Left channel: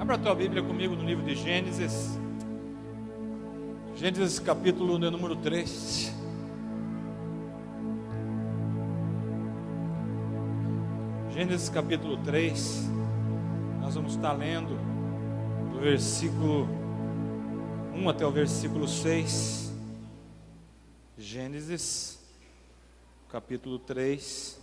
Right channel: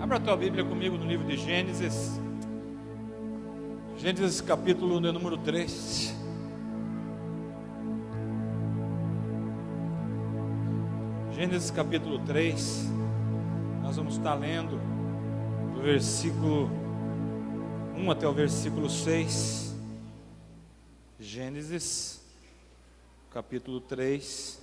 Abra a tua Bíblia comigo no livro de Gênesis. Gênesis capítulo de número 3. Gênesis capítulo 3. Nós vamos estar lendo do versículo 1 até o versículo 6. Gênesis capítulo 3.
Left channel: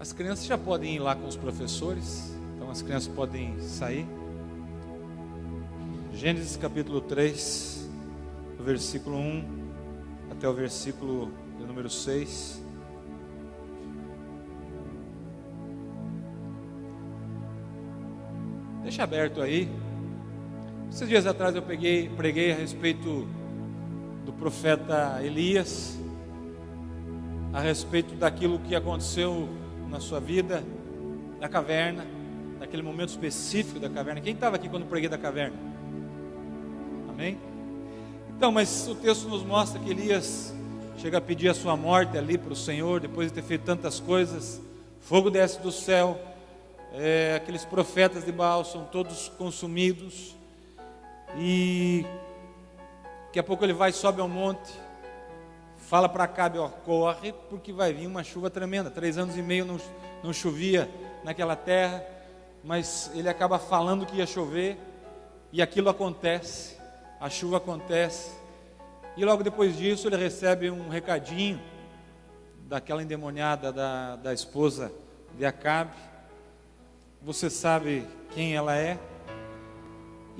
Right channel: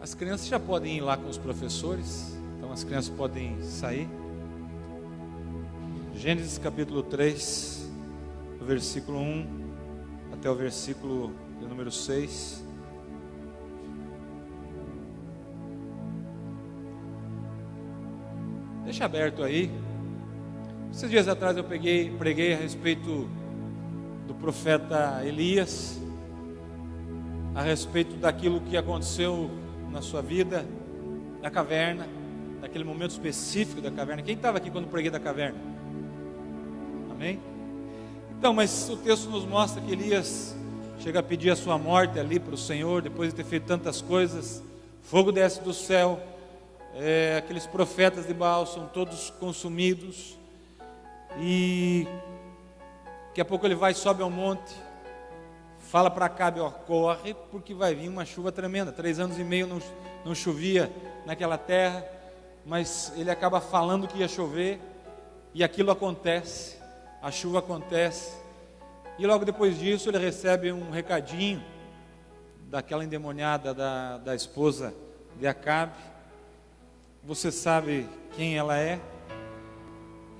As crianças já podem ir lá com os professores, então as crianças podem sair. Gênesis capítulo 3, do versículo 1 até o versículo de número 6. Deixa aberto aí. Esses dias atrás eu preguei a respeito do profeta Elias, a respeito daquilo que aconteceu na sua vida, na caverna, naquele momento específico da caverna. Quem estava aqui quando preguei da caverna? Amém? Então, mas o texto nos mostra que Elias chega a pedir a sua morte ali para o Senhor, depois de ter feito tantas coisas. Fogo desce do céu, aqueles profetas de Baal são todos consumidos, e daqui a pouco ele vai, sobe ao monte, fala para Acabe, corre, porque vai vir uma chuva tremenda. 3 anos e meio não chovia naquela terra, mas ele acaba falando que ia chover, e aquilo acontece, a chuva acontece, e logo depois disso ele recebe um recadinho daquela endemoniada da esposa de Acabe. Você sabe quem ela é?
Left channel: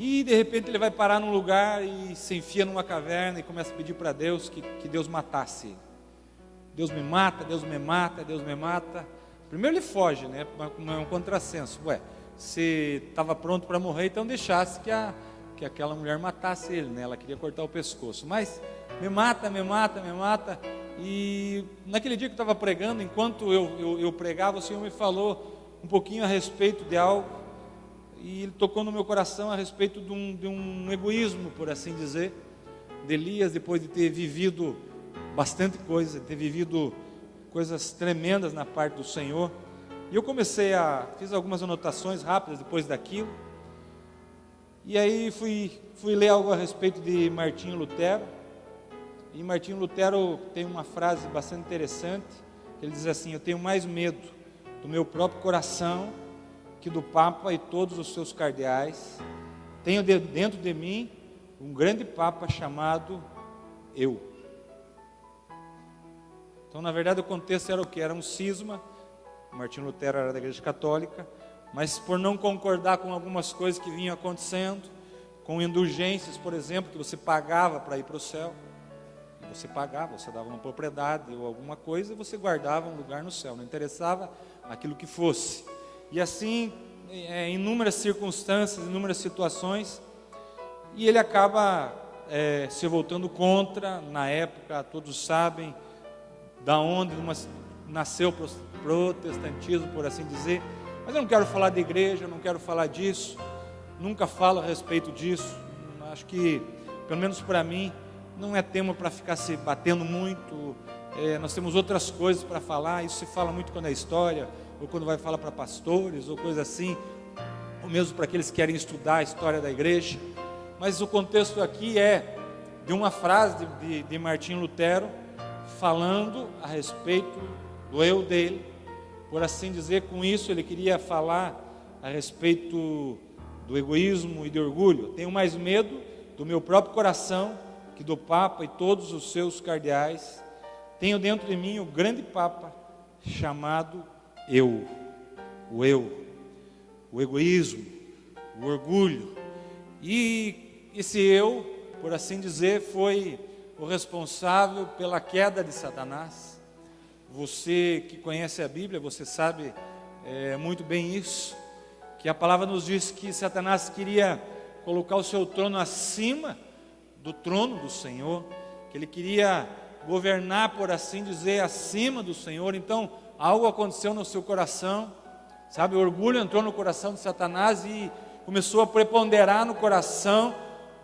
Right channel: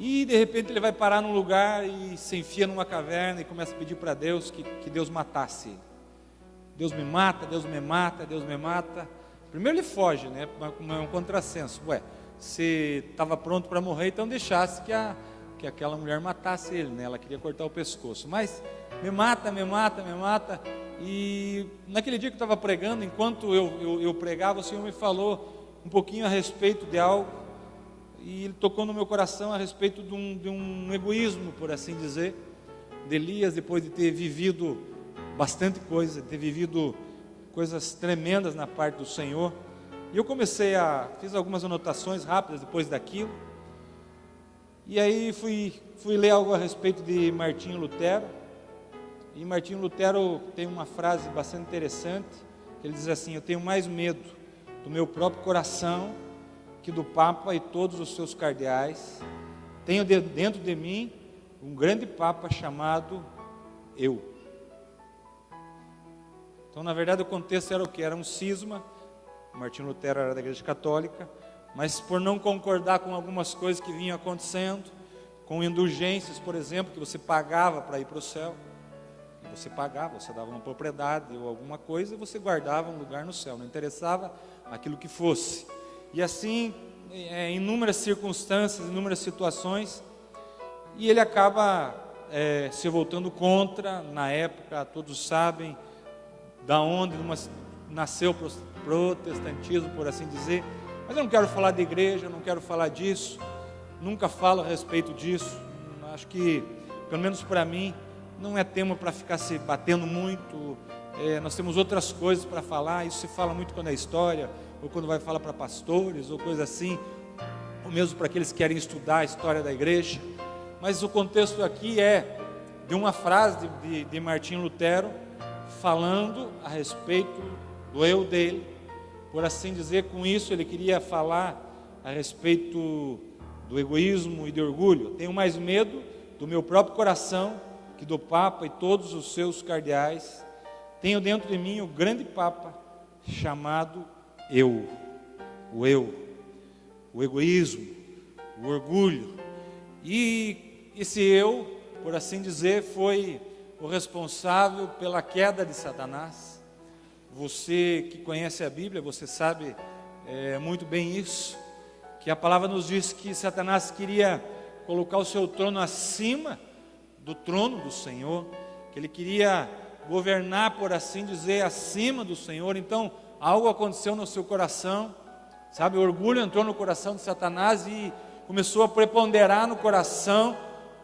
E de repente ele vai parar num lugar e se enfia numa caverna e começa a pedir para Deus que Deus matasse ele. Deus me mata, Deus me mata, Deus me mata. Primeiro ele foge, né? É um contrassenso. Se estava pronto para morrer, então deixasse que aquela mulher matasse ele, né? Ela queria cortar o pescoço. Mas me mata, me mata, me mata. E naquele dia que eu estava pregando, enquanto eu pregava, o Senhor me falou um pouquinho a respeito de algo. E ele tocou no meu coração a respeito de um egoísmo, por assim dizer, de Elias, depois de ter vivido bastante coisa, de ter vivido coisas tremendas na parte do Senhor. E eu fiz algumas anotações rápidas depois daquilo. E aí fui ler algo a respeito de Martinho Lutero. E Martinho Lutero tem uma frase bastante interessante, que ele diz assim: eu tenho mais medo do meu próprio coração que do Papa e todos os seus cardeais. Tenho dentro de mim um grande Papa chamado eu. Então, na verdade, o contexto era o que? Era um cisma. Martinho Lutero era da Igreja Católica, mas por não concordar com algumas coisas que vinham acontecendo, com indulgências, por exemplo, que você pagava para ir para o céu. Você pagava, você dava uma propriedade ou alguma coisa e você guardava um lugar no céu. Não interessava aquilo que fosse. E assim, em inúmeras circunstâncias, em inúmeras situações, e ele acaba se voltando contra. Na época, todos sabem da onde nasceu o protestantismo, por assim dizer. Mas eu não quero falar de igreja, não quero falar disso, nunca falo a respeito disso. Acho que, pelo menos para mim, não é tema para ficar se batendo muito. Nós temos outras coisas para falar. Isso se fala muito quando é história, ou quando vai falar para pastores, ou coisa assim, ou mesmo para aqueles que querem estudar a história da igreja. Mas o contexto aqui é de uma frase de Martinho Lutero, falando a respeito do eu dele, por assim dizer. Com isso ele queria falar a respeito do egoísmo e do orgulho. Eu tenho mais medo do meu próprio coração que do Papa e todos os seus cardeais. Tenho dentro de mim o grande Papa chamado eu, o egoísmo, o orgulho. E esse eu, por assim dizer, foi o responsável pela queda de Satanás. Você que conhece a Bíblia, você sabe muito bem isso, que a palavra nos diz que Satanás queria colocar o seu trono acima do trono do Senhor, que ele queria governar, por assim dizer, acima do Senhor. Então, algo aconteceu no seu coração, sabe? O orgulho entrou no coração de Satanás e começou a preponderar no coração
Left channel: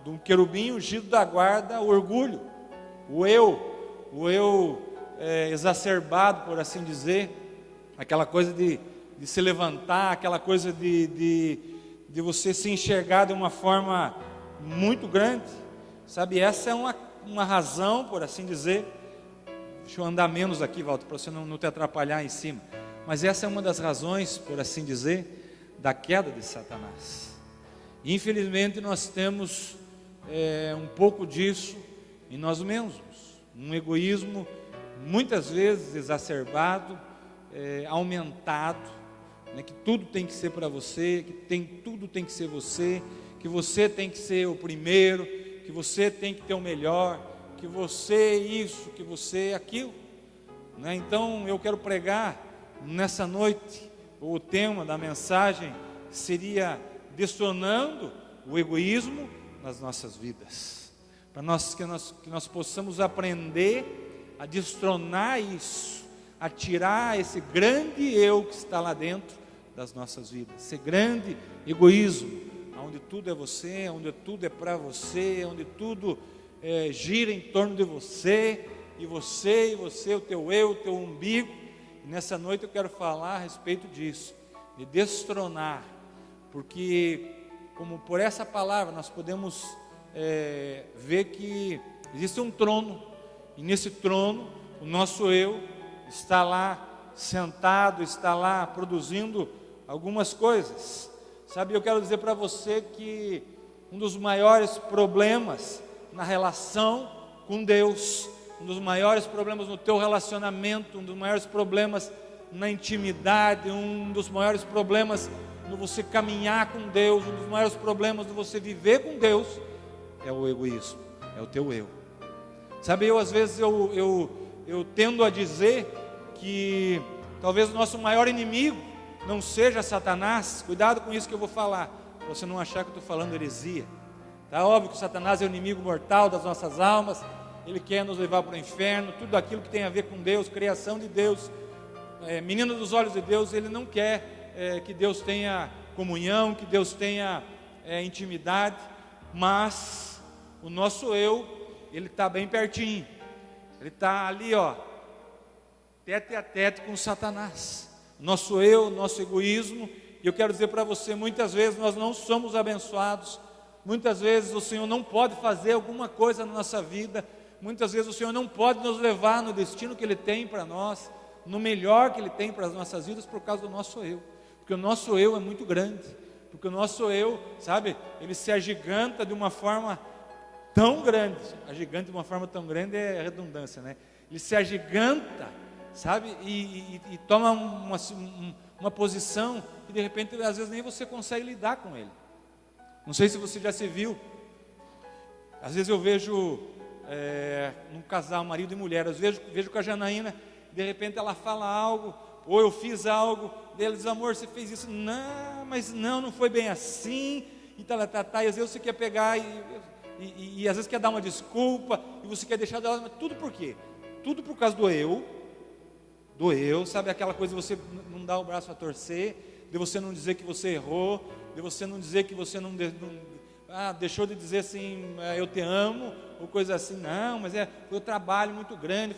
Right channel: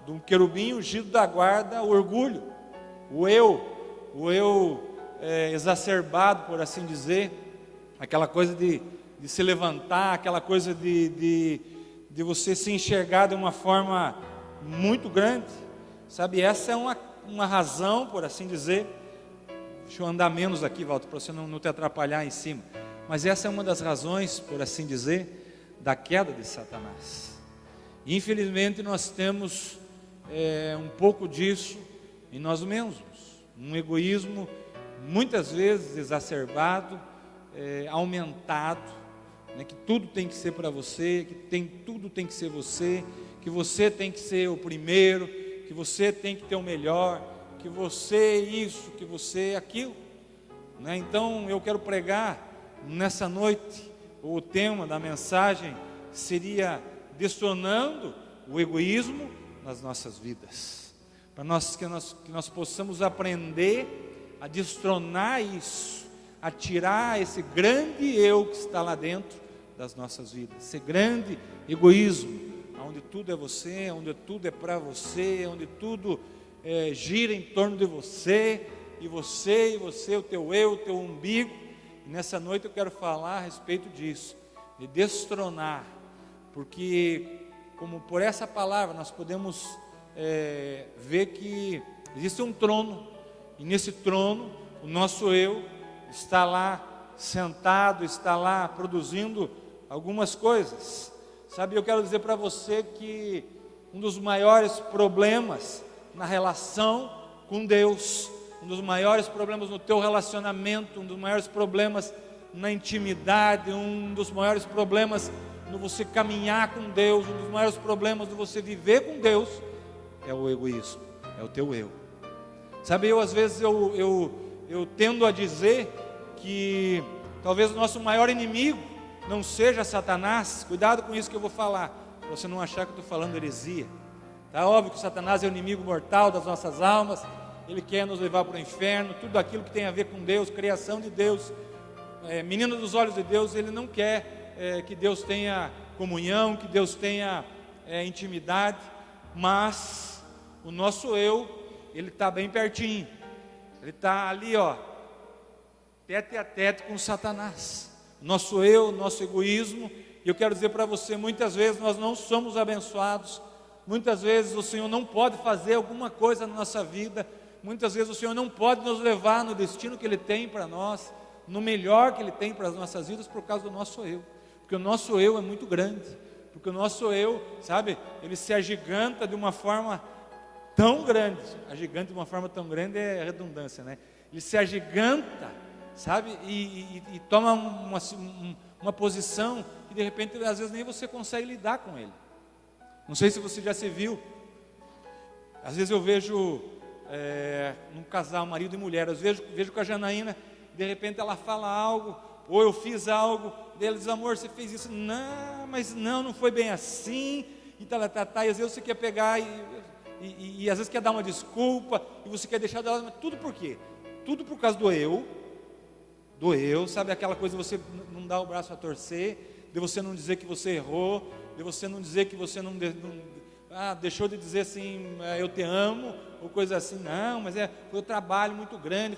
de um querubim ungido da guarda, o orgulho, o eu exacerbado, por assim dizer. aquela coisa de se levantar, aquela coisa de você se enxergar de uma forma muito grande, sabe? Essa é uma razão, por assim dizer. Deixa eu andar menos aqui, Walter, para você não te atrapalhar em cima. Mas essa é uma das razões, por assim dizer, da queda de Satanás. Infelizmente nós temos um pouco disso em nós mesmos. Um egoísmo muitas vezes exacerbado, aumentado, né, que tudo tem que ser para você, tudo tem que ser você, que você tem que ser o primeiro, que você tem que ter o melhor, que você isso, que você aquilo, né? Então eu quero pregar nessa noite, o tema da mensagem seria destronando o egoísmo nas nossas vidas, para que nós possamos aprender a destronar isso, a tirar esse grande eu que está lá dentro das nossas vidas, esse grande egoísmo, onde tudo é você, onde tudo é para você, onde tudo gira em torno de você, e você, o teu eu, o teu umbigo. E nessa noite eu quero falar a respeito disso, de destronar, porque como por essa palavra nós podemos ver que existe um trono, e nesse trono o nosso eu está lá sentado, está lá produzindo algumas coisas, sabe? Eu quero dizer para você que um dos maiores problemas na relação com Deus, um dos maiores problemas no teu relacionamento, um dos maiores problemas na intimidade, um dos maiores problemas no você caminhar com Deus, um dos maiores problemas no você viver com Deus, é o egoísmo, é o teu eu. Sabe, às vezes eu tendo a dizer que talvez o nosso maior inimigo não seja Satanás. Cuidado com isso que eu vou falar, para você não achar que eu estou falando heresia. Tá óbvio que Satanás é o inimigo mortal das nossas almas, ele quer nos levar para o inferno, tudo aquilo que tem a ver com Deus, criação de Deus, menino dos olhos de Deus. Ele não quer que Deus tenha comunhão, que Deus tenha intimidade, mas o nosso eu, ele está bem pertinho, ele está ali, ó, tete a tete com Satanás. Nosso eu, nosso egoísmo. E eu quero dizer para você, muitas vezes nós não somos abençoados, muitas vezes o Senhor não pode fazer alguma coisa na nossa vida, muitas vezes o Senhor não pode nos levar no destino que Ele tem para nós, no melhor que Ele tem para as nossas vidas, por causa do nosso eu, porque o nosso eu é muito grande, porque o nosso eu, sabe, ele se agiganta de uma forma tão grande, agigante de uma forma tão grande é redundância, né? Ele se agiganta, sabe, e toma uma posição que de repente às vezes nem você consegue lidar com ele. Não sei se você já se viu, às vezes eu vejo um casal, marido e mulher, eu vejo com a Janaína, de repente ela fala algo, ou eu fiz algo, ela diz: amor, você fez isso, não, mas não foi bem assim, e tal, e às vezes você quer pegar e às vezes quer dar uma desculpa, e você quer deixar dela, tudo por quê? Tudo por causa do eu, sabe, aquela coisa de você não dar o braço a torcer, de você não dizer que você errou, de você não dizer que você não deixou de dizer assim, eu te amo, ou coisa assim, não, mas foi um trabalho muito grande,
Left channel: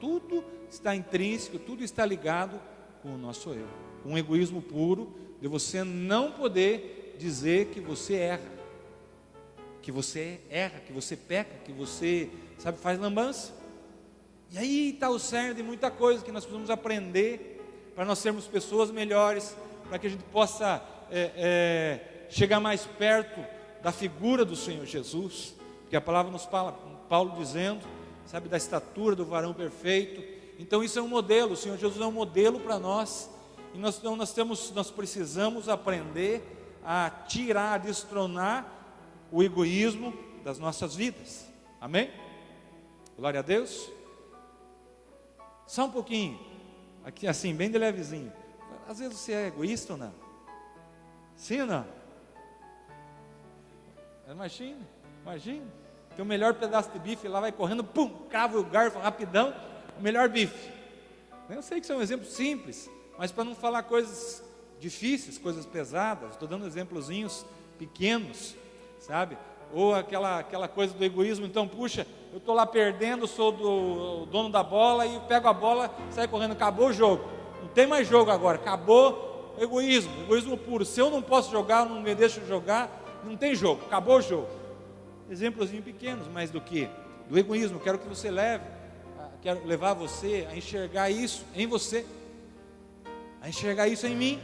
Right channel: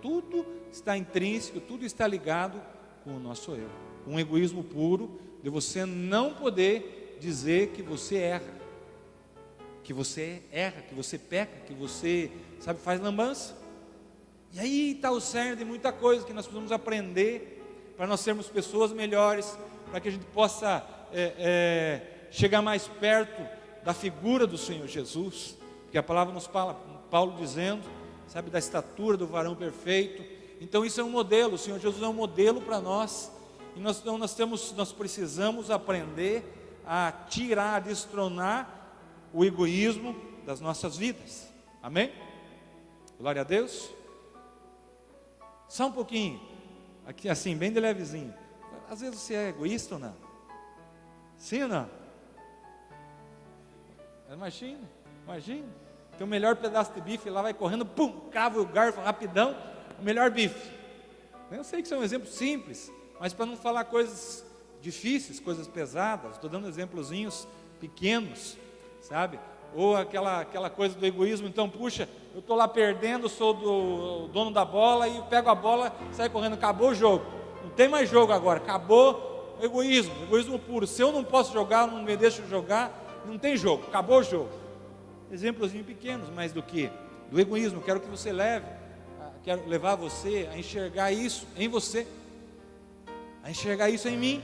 tudo está intrínseco, tudo está ligado com o nosso eu. Um egoísmo puro, de você não poder dizer que você erra, que você peca, que você, sabe, faz lambança. E aí está o cerne de muita coisa que nós precisamos aprender, para nós sermos pessoas melhores, para que a gente possa chegar mais perto da figura do Senhor Jesus, que a palavra nos fala, Paulo dizendo, sabe, da estatura do varão perfeito. Então isso é um modelo, o Senhor Jesus é um modelo para nós, e nós precisamos aprender a tirar, a destronar o egoísmo das nossas vidas. Amém? Glória a Deus. Só um pouquinho, aqui assim, bem de levezinho. Às vezes você é egoísta ou não? Sim ou não? Imagina. Tem o melhor pedaço de bife, lá vai correndo, pum, cava o garfo rapidão, o melhor bife. Eu sei que isso é um exemplo simples, mas para não falar coisas difíceis, coisas pesadas, estou dando exemplozinhos pequenos, sabe? Ou aquela coisa do egoísmo, então, puxa, eu estou lá perdendo, sou o dono da bola, e pego a bola, sai correndo, acabou o jogo. não tem mais jogo agora, acabou egoísmo puro. Se eu não posso jogar, não me deixo jogar, não tem jogo, acabou o jogo. Exemplozinhos pequenos, mas do que? Do egoísmo. Quero que você quero levar você a enxergar isso em você, a enxergar isso em mim.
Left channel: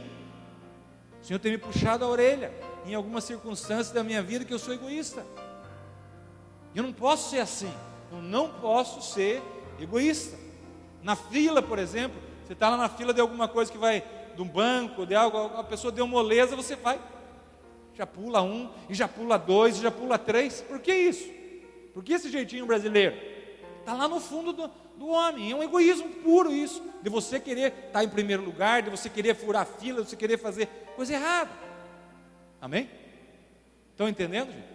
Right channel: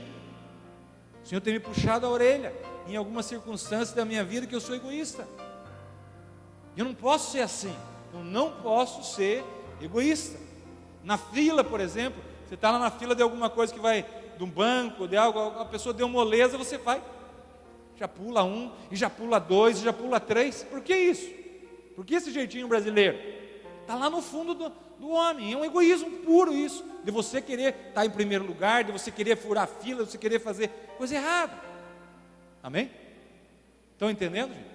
O Senhor tem me puxado a orelha em algumas circunstâncias da minha vida que eu sou egoísta. Eu não posso ser assim. Eu não posso ser egoísta. Na fila, por exemplo, você está lá na fila de alguma coisa que vai de um banco, de algo, a pessoa deu moleza, você vai. Já pula um, e já pula dois, e já pula três. Por que isso? Por que esse jeitinho brasileiro? Está lá no fundo do homem. É um egoísmo puro isso. De você querer estar em primeiro lugar, de você querer furar a fila, de você querer fazer coisa errada. Amém? Estão entendendo, gente?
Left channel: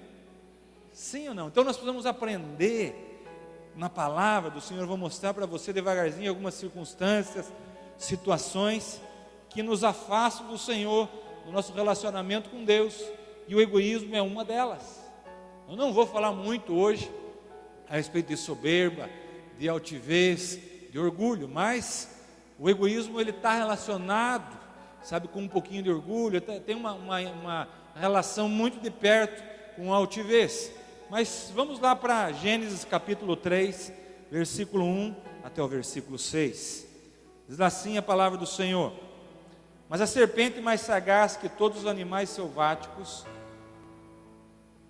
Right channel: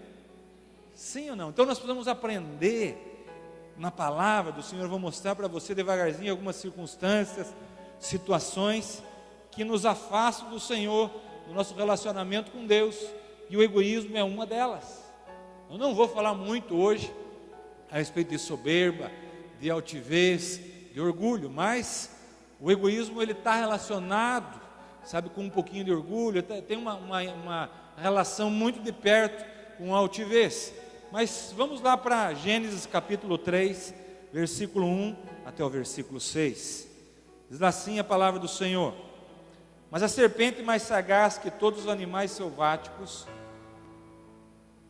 Sim ou não? Então nós precisamos aprender na palavra do Senhor. Eu vou mostrar para você devagarzinho algumas circunstâncias, situações que nos afastam do Senhor, do nosso relacionamento com Deus, e o egoísmo é uma delas. Eu não vou falar muito hoje a respeito de soberba, de altivez, de orgulho, mas o egoísmo ele está relacionado, sabe, com um pouquinho de orgulho, tem uma relação muito de perto com a altivez. Mas vamos lá para Gênesis capítulo 3, versículo 1 até o versículo 6. Diz assim a palavra do Senhor: Mas a serpente mais sagaz que todos os animais selváticos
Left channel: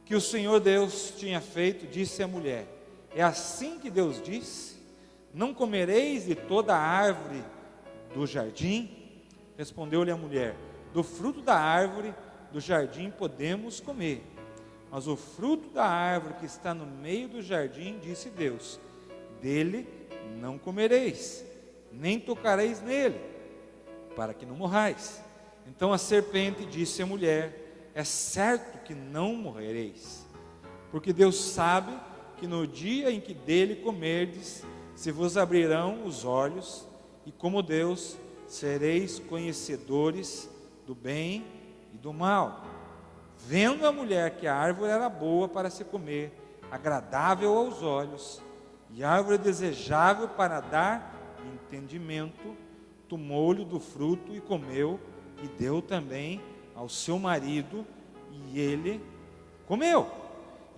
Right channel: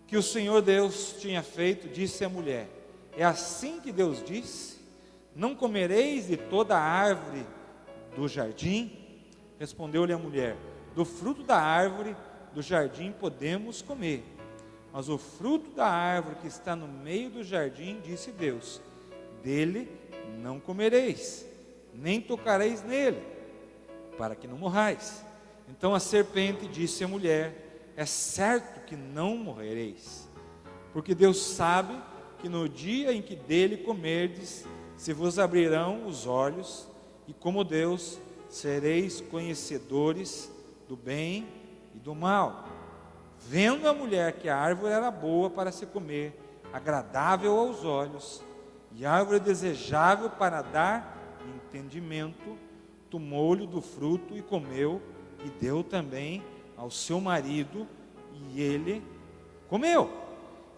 que o Senhor Deus tinha feito, disse à mulher: É assim que Deus disse: Não comereis de toda a árvore do jardim? Respondeu-lhe a mulher: Do fruto da árvore do jardim podemos comer, mas o fruto da árvore que está no meio do jardim, disse Deus, dele não comereis, nem tocareis nele, para que não morrais. Então a serpente disse à mulher: É certo que não morrereis, porque Deus sabe que no dia em que dele comerdes, se vos abrirão os olhos, e como Deus, sereis conhecedores do bem e do mal. Vendo a mulher que a árvore era boa para se comer, agradável aos olhos, e árvore desejável para dar entendimento, tomou-lhe do fruto e comeu, e deu também ao seu marido, e ele comeu.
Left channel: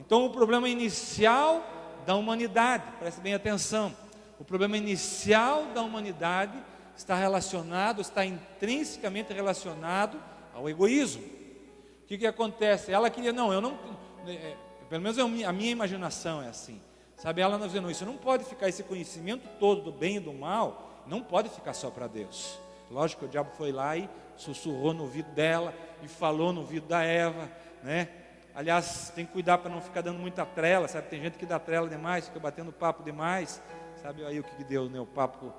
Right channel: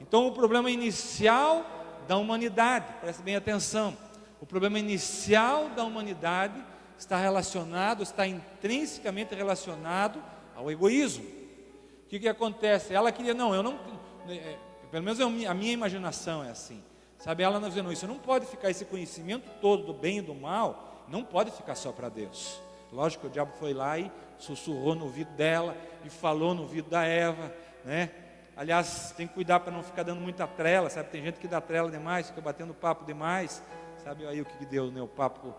Então o problema inicial da humanidade, preste bem atenção, o problema inicial da humanidade está intrinsecamente relacionado ao egoísmo. O que acontece? Ela queria, pelo menos a minha imaginação é assim, sabe? Ela não dizendo, isso não pode ficar, esse conhecimento todo do bem e do mal, não pode ficar só para Deus. Lógico que o diabo foi lá e sussurrou no ouvido dela, e falou no ouvido da Eva, né? Aliás, tem que cuidar para não ficar dando muita trela, sabe? Tem gente que dá trela demais, fica batendo papo demais, sabe aí o que deu, né? O papo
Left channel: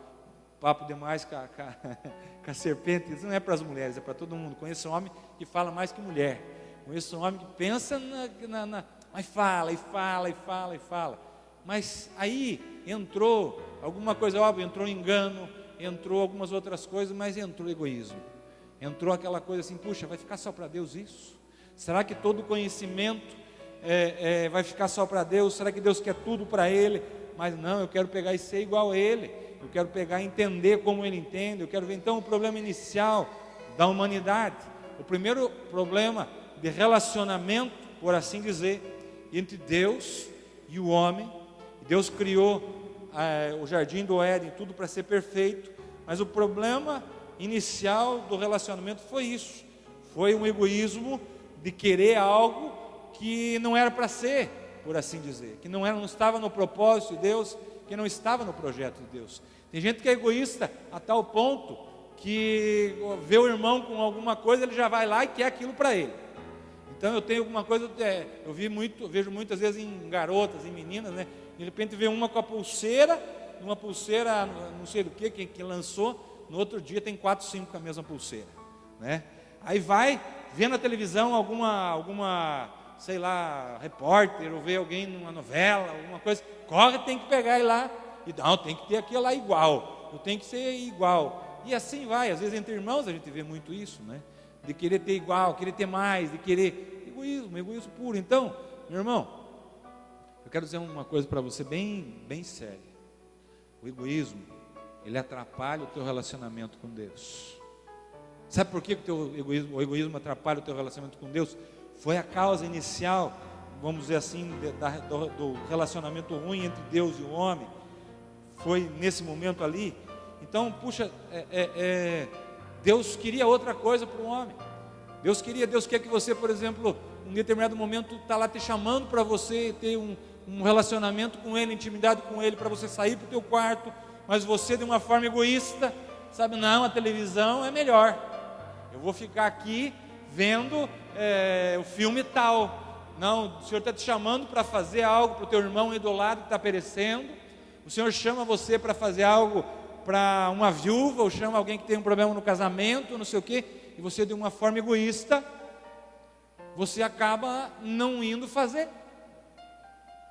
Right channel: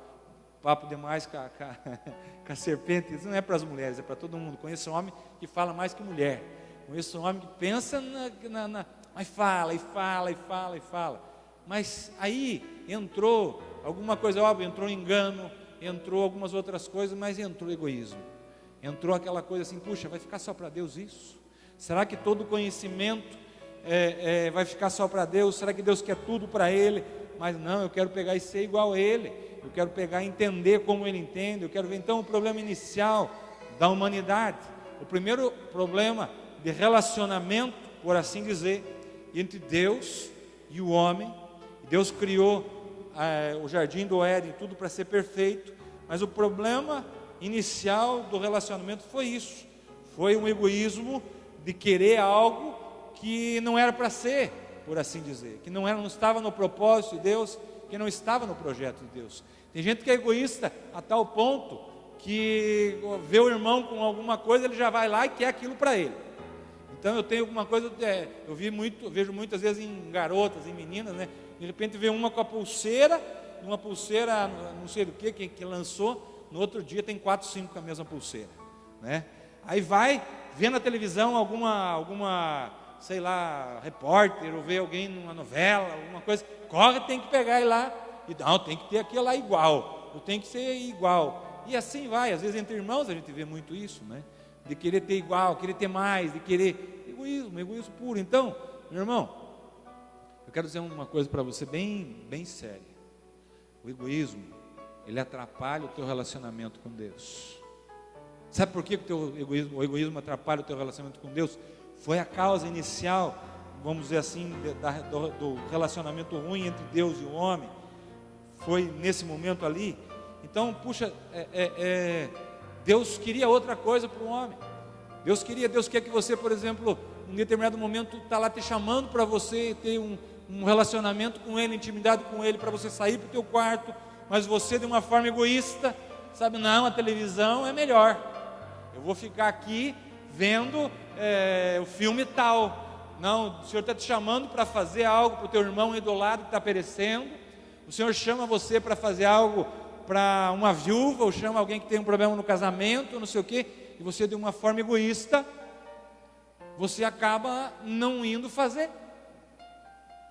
demais com a serpente. Isso não é para as mulheres, é para todo mundo. Conheço um homem que fala mais que mulher. Conheço um homem que pensa mas fala. Mas aí entrou alguma coisa, óbvio, entrou engano, entrou algumas outras coisas, mas entrou egoísmo. Entrou aquela coisa assim, puxa, vai ficar só para Deus isso? Será que todo conhecimento vai ficar só para Deus? Será que Deus quer tudo para Ele? Mas não, eu quero pegar e ser igual a Ele. Eu quero pegar e entender como Ele entende. Eu quero ver então o problema inicial da humanidade. O primeiro problema de relacionamento, por assim dizer, entre Deus e o homem. Deus criou o jardim do Éden, tudo para ser perfeito. Mas o problema inicial do relacionamento foi isso. Foi um egoísmo de querer algo que não era para ser, por assim dizer. Que não estava no propósito de Deus, que não estava no projeto de Deus. Tem gente que é egoísta a tal ponto que vê o irmão com alguma coisa, ele já vai lá e quer aquilo para ele. Então eu tenho alguma coisa, eu vejo muitas vezes em garotas, em meninas, né? De repente vê uma com a pulseira, não sei do que lançou, no outro dia tem 4, 5 com a mesma pulseira, né? Aí vai, vê na televisão alguma, sei lá, repórter, ou vê alguém numa novela, alguma coisa, corre, tem que pegar e lá, e não, tem que ter aquilo lá igual, não tem que ser igual, e assim vai. Às vezes entre irmãos a gente vê muito isso, né? De querer ter igual, querer ter mais, de querer, egoísmo puro. Então, meu irmão, eu quero dizer uma coisa para você bem séria. O egoísmo, ele atrapalha o teu relacionamento com Deus. Sabe por que o egoísmo atrapalha o teu relacionamento com Deus? Foi a causa inicial, vamos dizer assim, do relacionamento ruim entre Deus e o homem. Foi nesse momento ali. Então, puxa, Deus queria outra coisa para o homem. Deus quer que você, por exemplo, em determinado momento está lá te chamando para você ter um relacionamento com Ele, intimidade com Ele, para você sair para o teu quarto, mas você de uma forma egoísta, sabe, não, a televisão é melhor, eu vou ficar aqui vendo o filme tal. Não, o Senhor está te chamando para fazer algo para o teu irmão aí do lado que está perecendo. O Senhor chama você para fazer algo para uma viúva, ou chama alguém que tem um problema no casamento, não sei o quê, e você de uma forma egoísta, você acaba não indo fazer.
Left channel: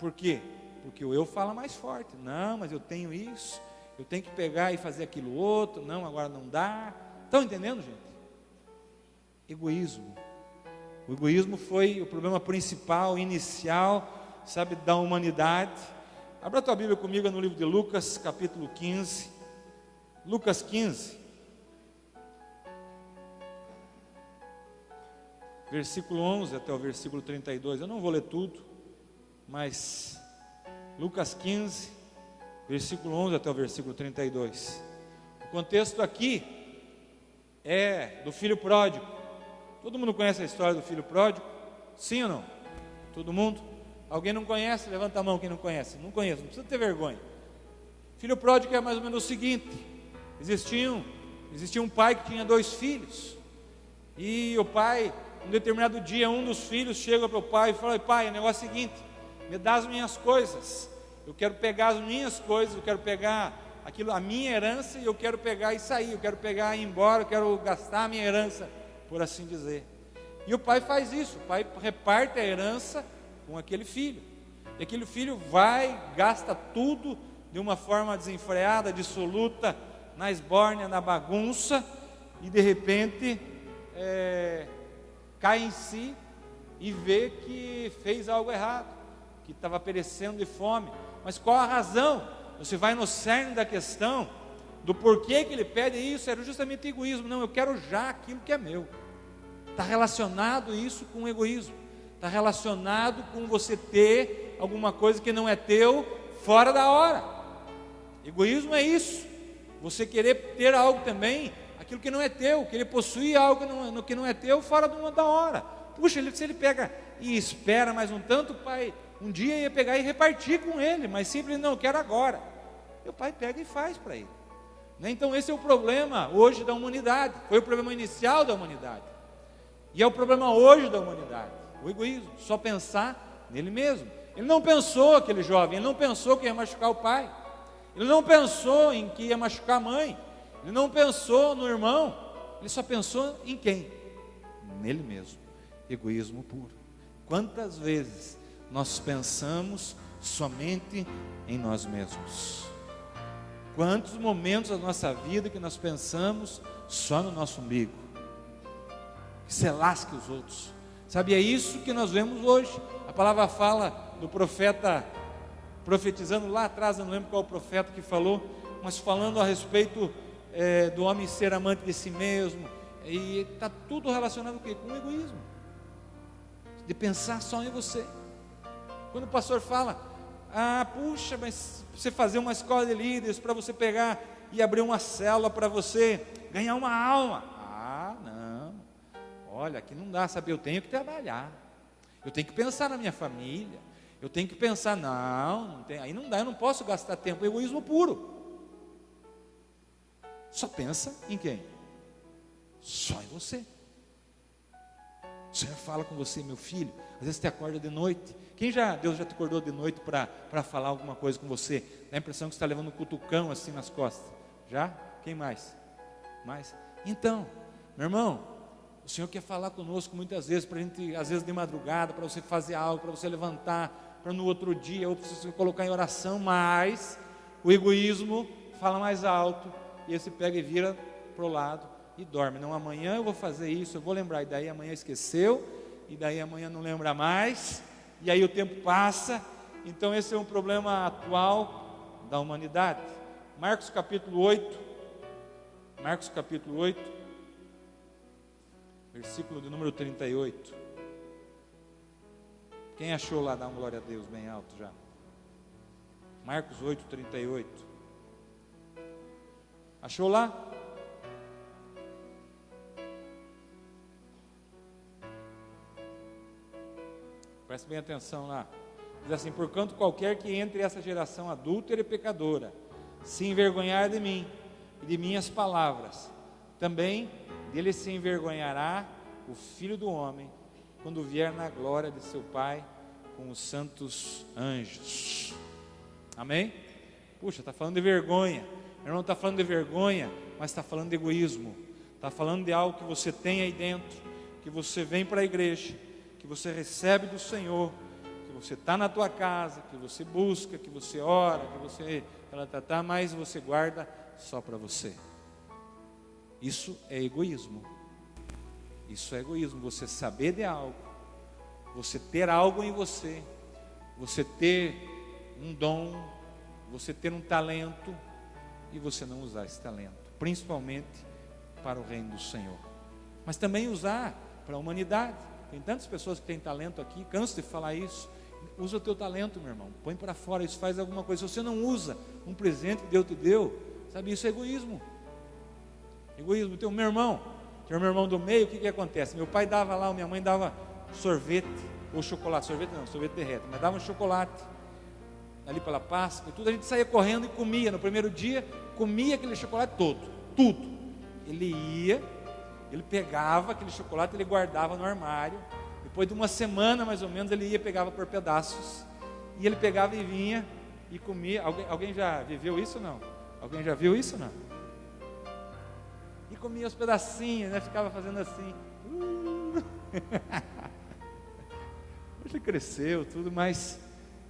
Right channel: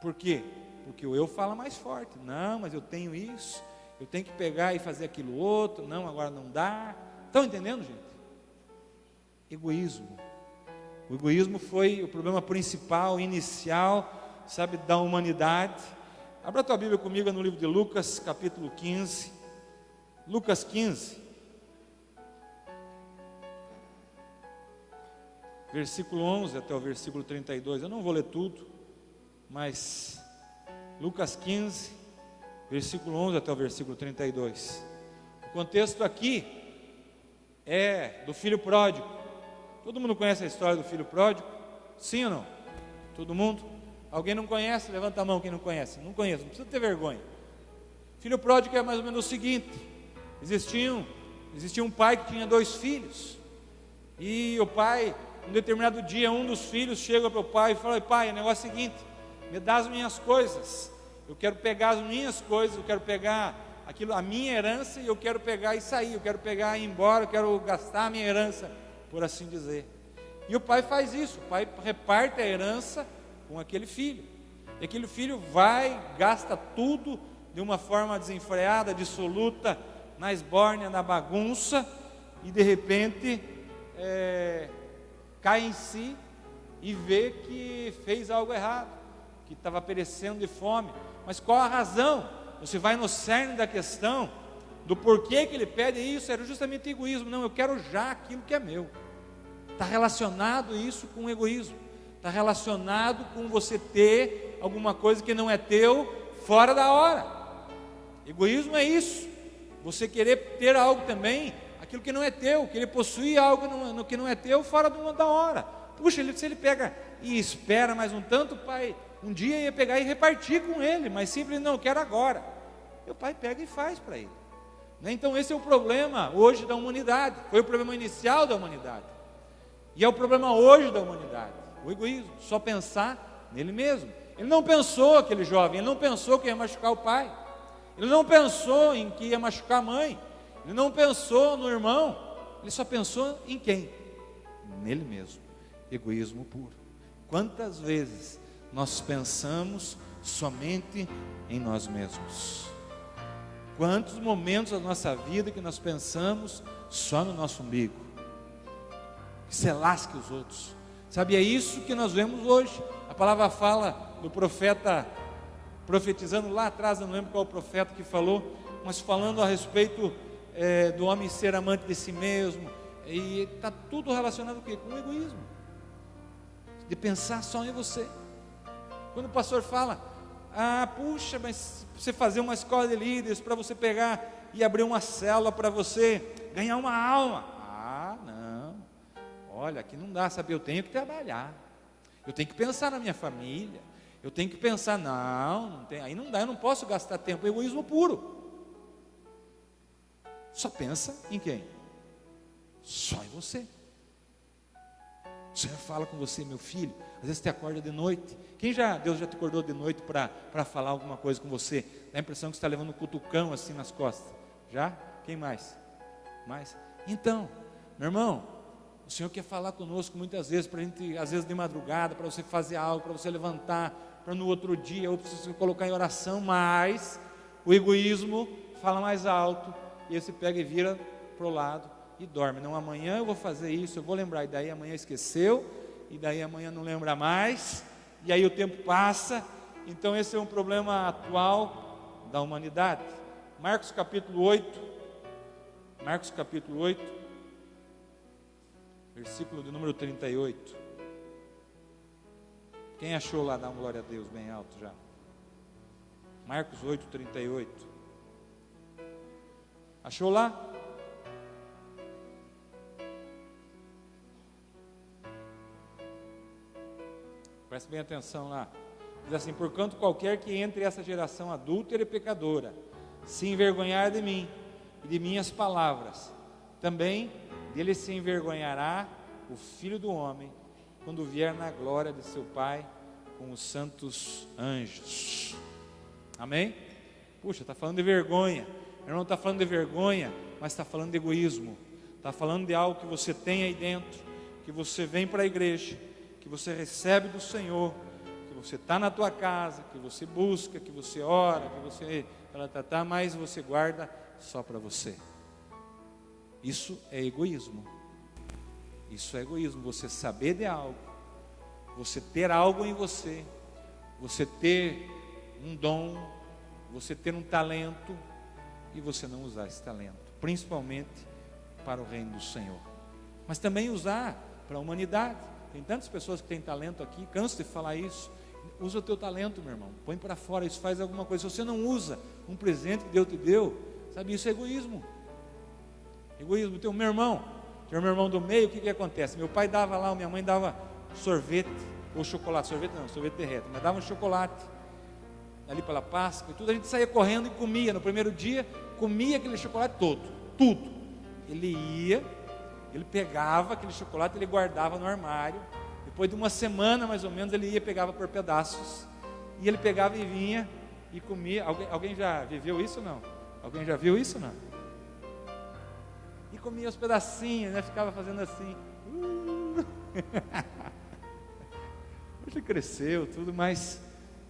Por quê? Porque o eu fala mais forte. Não, mas eu tenho isso, eu tenho que pegar e fazer aquilo outro. Não, agora não dá. Estão entendendo, gente? Egoísmo. O egoísmo foi o problema principal, inicial, sabe, da humanidade. Abra a tua Bíblia comigo no livro de Lucas, capítulo 15. Lucas 15. Versículo 11 até o versículo 32. Eu não vou ler tudo, mas Lucas 15, versículo 11 até o versículo 32. O contexto aqui é do filho pródigo. Todo mundo conhece a história do filho pródigo? Sim ou não? Todo mundo? Alguém não conhece? Levanta a mão quem não conhece. Não conheço, não precisa ter vergonha. Filho pródigo é mais ou menos o seguinte: existia um pai que tinha 2 filhos. E o pai, um determinado dia, um dos filhos chega para o pai e fala: pai, o negócio é o seguinte, me dá as minhas coisas. Eu quero pegar as minhas coisas, eu quero pegar a minha herança, e eu quero pegar e sair, eu quero pegar e ir embora, eu quero gastar a minha herança, por assim dizer. E o pai faz isso, o pai reparte a herança com aquele filho. E aquele filho vai, gasta tudo de uma forma desenfreada, dissoluta, na esbórnia, na bagunça, e de repente cai em si e vê que fez algo errado, que estava perecendo de fome. Mas qual a razão? Você vai no cerne da questão, do porquê que ele pede isso. Era justamente egoísmo. Não, eu quero já aquilo que é meu. Está relacionado isso com o egoísmo. Está relacionado com você ter alguma coisa que não é teu, fora da hora. Egoísmo é isso. Você querer ter algo também, aquilo que não é teu, querer possuir algo que não é teu, fora da hora. Puxa, se ele pega e espera mais um tanto, o pai um dia ia pegar e repartir com ele, mas simplesmente não, eu quero agora. E o pai pega e faz para ele. Então esse é o problema hoje da humanidade. Foi o problema inicial da humanidade. E é o problema hoje da humanidade. O egoísmo, só pensar nele mesmo. Ele não pensou, aquele jovem, ele não pensou que ia machucar o pai. Ele não pensou em que ia machucar a mãe. Ele não pensou no irmão. Ele só pensou em quem? Nele mesmo. Egoísmo puro. Quantas vezes nós pensamos somente em nós mesmos? Quantos momentos da nossa vida que nós pensamos só no nosso umbigo? Que se lasque os outros. Sabe, é isso que nós vemos hoje. A palavra fala do profeta profetizando lá atrás, eu não lembro qual o profeta que falou, mas falando a respeito do homem ser amante de si mesmo. E está tudo relacionado com o egoísmo, de pensar só em você. Quando o pastor fala: puxa, mas você fazer uma escola de líderes para você pegar e abrir uma célula para você ganhar uma alma. Não, olha, aqui não dá, sabe, eu tenho que trabalhar, eu tenho que pensar na minha família, eu tenho que pensar, não tem, aí não dá, eu não posso gastar tempo. Egoísmo puro. Só pensa em quem? Só em você. O Senhor fala com você: meu filho, às vezes você acorda de noite. Deus já te acordou de noite para falar alguma coisa com você? Dá a impressão que você está levando um cutucão assim nas costas. Já? Quem mais? Então, meu irmão, o Senhor quer falar conosco muitas vezes, para a gente, às vezes de madrugada, para você fazer algo, para você levantar, para no outro dia, ou para você colocar em oração, mas o egoísmo fala mais alto, e você pega e vira para o lado e dorme. Não, amanhã eu vou fazer isso, eu vou lembrar, e daí amanhã esqueceu, e daí amanhã não lembra mais, e aí o tempo passa. Então esse é um problema atual da humanidade. Marcos capítulo 8. Marcos capítulo 8, versículo de número 38. Quem achou lá, dá uma glória a Deus bem alto já. Marcos 8, 38. Achou lá? Preste bem atenção lá. Diz assim: porquanto qualquer que entre essa geração adúltera e pecadora se envergonhar de mim e de minhas palavras, também dele se envergonhará o Filho do Homem, quando vier na glória de seu Pai com os santos anjos. Amém? Puxa, está falando de vergonha. Meu irmão, está falando de vergonha, mas está falando de egoísmo. Está falando de algo que você tem aí dentro, que você vem para a igreja, que você recebe do Senhor, que você está na tua casa, que você busca, que você ora, que você mas você guarda só para você. Isso é egoísmo. Isso é egoísmo. Você saber de algo, você ter algo em você, você ter um dom, você ter um talento e você não usar esse talento, principalmente para o reino do Senhor, mas também usar para a humanidade. Tem tantas pessoas que têm talento aqui, canso de falar isso. Usa o teu talento, meu irmão, põe para fora, isso faz alguma coisa. Se você não usa um presente que Deus te deu, sabe, isso é egoísmo. Egoísmo. Então, meu irmão do meio, o que acontece? Meu pai dava lá, minha mãe dava sorvete, ou chocolate, sorvete derrete, mas dava um chocolate, ali pela Páscoa, e tudo, a gente saía correndo e comia. No primeiro dia, comia aquele chocolate todo, tudo. Ele pegava aquele chocolate, ele guardava no armário. Depois de uma semana, mais ou menos, ele ia e pegava por pedaços. E ele pegava e vinha e comia. Alguém já viveu isso ou não? Alguém já viu isso ou não? E comia os pedacinhos, né? Ficava fazendo assim. Hoje cresceu tudo, mas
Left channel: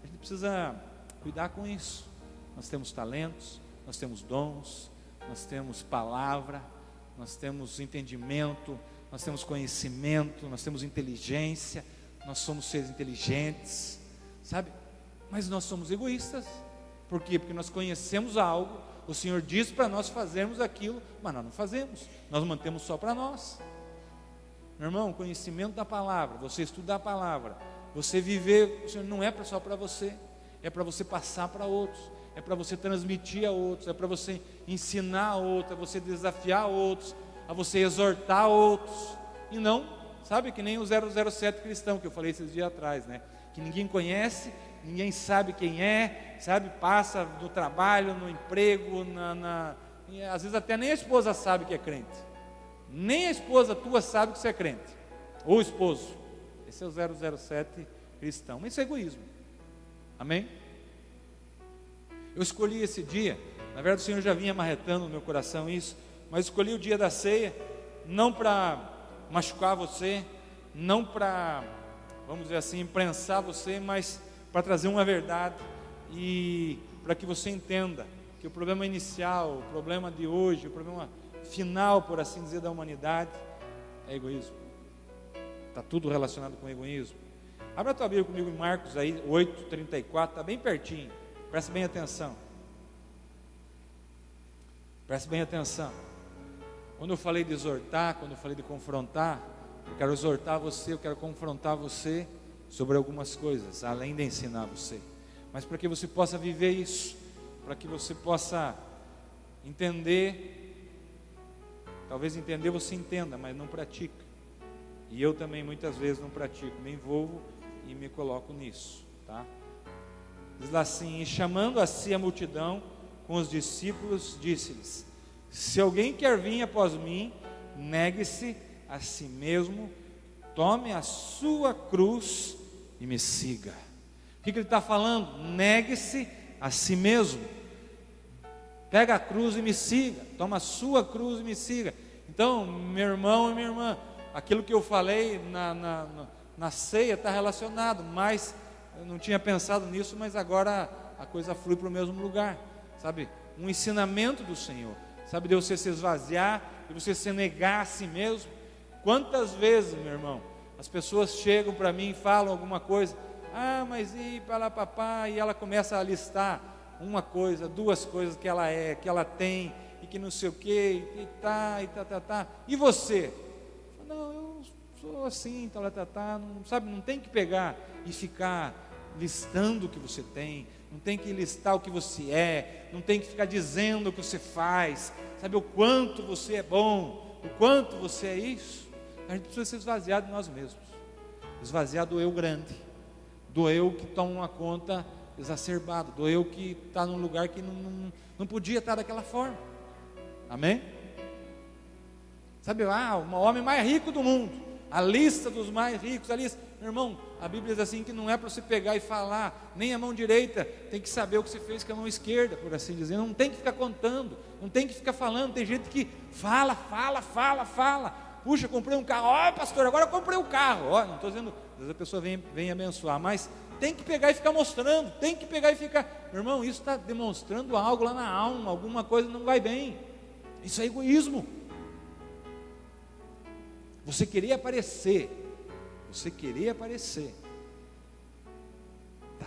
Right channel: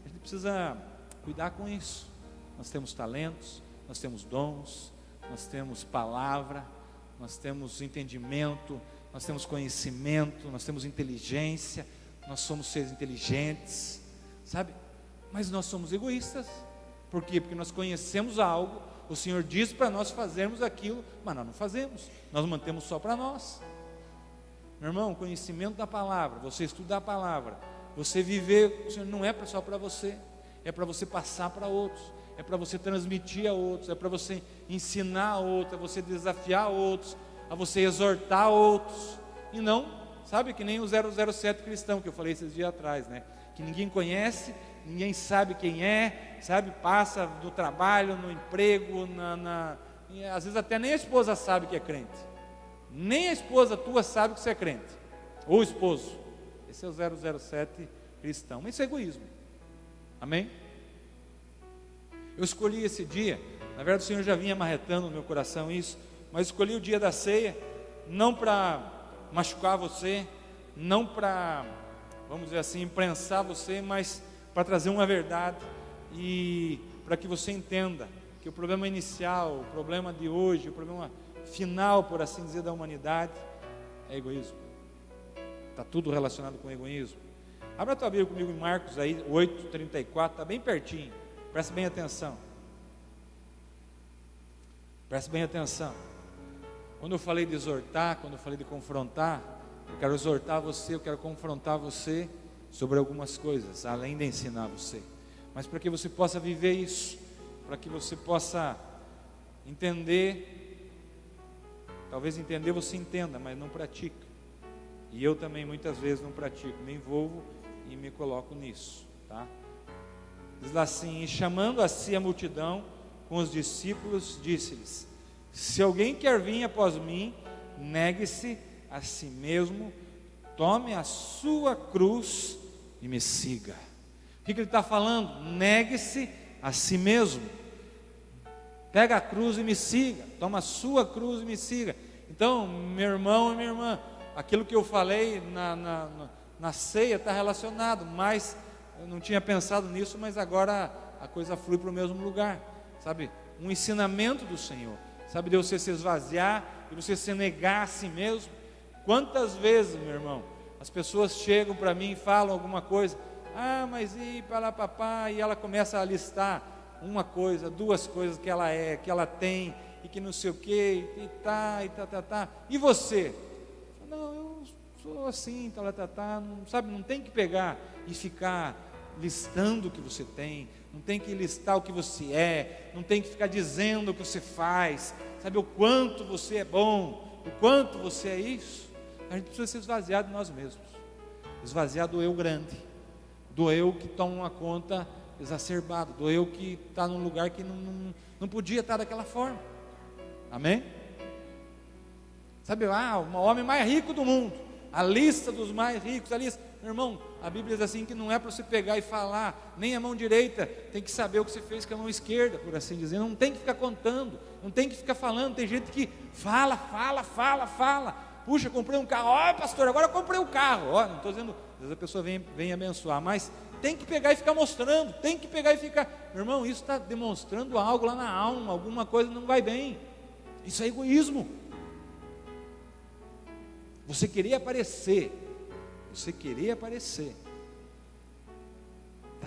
a gente precisa cuidar com isso. Nós temos talentos, nós temos dons, nós temos palavra, nós temos entendimento, nós temos conhecimento, nós temos inteligência, nós somos seres inteligentes, sabe? Mas nós somos egoístas. Por quê? Porque nós conhecemos algo, o Senhor diz para nós fazermos aquilo, mas nós não fazemos, nós mantemos só para nós. Meu irmão, conhecimento da palavra, você estudar a palavra, você viver, não é só para você, é para você passar para outros, é para você transmitir a outros, é para você ensinar a outros, é você desafiar outros, a você exortar outros. E não, sabe, que nem o 007 cristão que eu falei esses dias atrás, né? Que ninguém conhece, ninguém sabe quem é, sabe, passa no trabalho, no emprego, e às vezes até nem a esposa sabe que é crente, nem a esposa tua sabe que você é crente, ou o esposo. Esse é o 007 cristão. Isso é egoísmo. Amém? Eu escolhi esse dia, na verdade o Senhor já vinha amarretando no meu coração isso, mas escolhi o dia da ceia, não para machucar você, não para, vamos dizer assim, imprensar você, mas para trazer uma verdade e para que você entenda que o problema inicial, o problema de hoje, o problema final, por assim dizer, da humanidade é egoísmo. Está tudo relacionado com egoísmo. Abra a tua Bíblia comigo em Marcos aí, 8:34, está bem pertinho. Preste bem atenção. Preste bem atenção. Quando eu falei de exortar, quando eu falei de confrontar, eu quero exortar você, eu quero confrontar você sobre algumas coisas, além de ensinar você. Mas para que você possa viver isso, para que você possa entender, talvez entender você entenda, mas não pratica. E eu também muitas vezes não pratico, me envolvo e me coloco nisso, tá? Diz lá assim: e chamando a si a multidão com os discípulos, disse-lhes: se alguém quer vir após mim, negue-se a si mesmo, tome a sua cruz e me siga. O que ele está falando? Negue-se a si mesmo, pega a cruz e me siga, toma a sua cruz e me siga. Então, meu irmão e minha irmã, aquilo que eu falei na ceia está relacionado, mas eu não tinha pensado nisso, mas agora a coisa flui para o mesmo lugar, sabe? Um ensinamento do Senhor, sabe, de você se esvaziar, de você se negar a si mesmo. Quantas vezes, meu irmão, as pessoas chegam para mim e falam alguma coisa, mas e para lá papai, e ela começa a listar uma coisa, duas coisas que ela é, que ela tem, e que não sei o que, e tá. E você? Não, eu sou assim, não, sabe, não tem que pegar e ficar listando o que você tem, não tem que listar o que você é, não tem que ficar dizendo o que você faz, sabe, o quanto você é bom, o quanto você é isso. A gente precisa ser esvaziado de nós mesmos, esvaziar do eu grande, do eu que toma uma conta exacerbada, do eu que está num lugar que não podia estar daquela forma. Amém? Sabe, o homem mais rico do mundo, a lista dos mais ricos, a lista, meu irmão, a Bíblia diz assim que não é para você pegar e falar, nem a mão direita, tem que saber o que você fez com a mão esquerda, por assim dizer, não tem que ficar contando, não tem que ficar falando. Tem gente que fala, puxa, comprei um carro, pastor, agora eu comprei um carro, não estou dizendo, às vezes a pessoa vem abençoar, mas tem que pegar e ficar mostrando, tem que pegar e ficar, meu irmão, isso está demonstrando algo lá na alma, alguma coisa não vai bem, isso é egoísmo. Você queria aparecer, está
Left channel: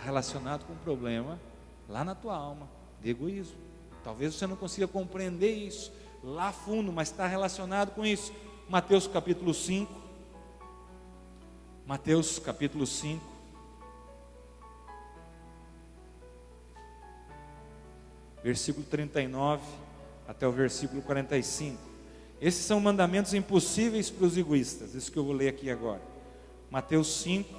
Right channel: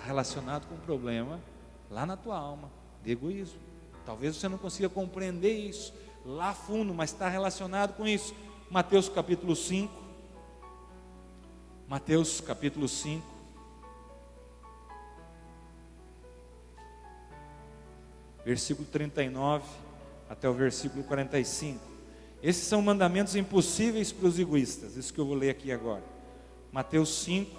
relacionado com um problema lá na tua alma, de egoísmo. Talvez você não consiga compreender isso lá fundo, mas está relacionado com isso. Mateus capítulo 5, versículo 39 até o versículo 45. Esses são mandamentos impossíveis para os egoístas, isso que eu vou ler aqui agora. Mateus 5,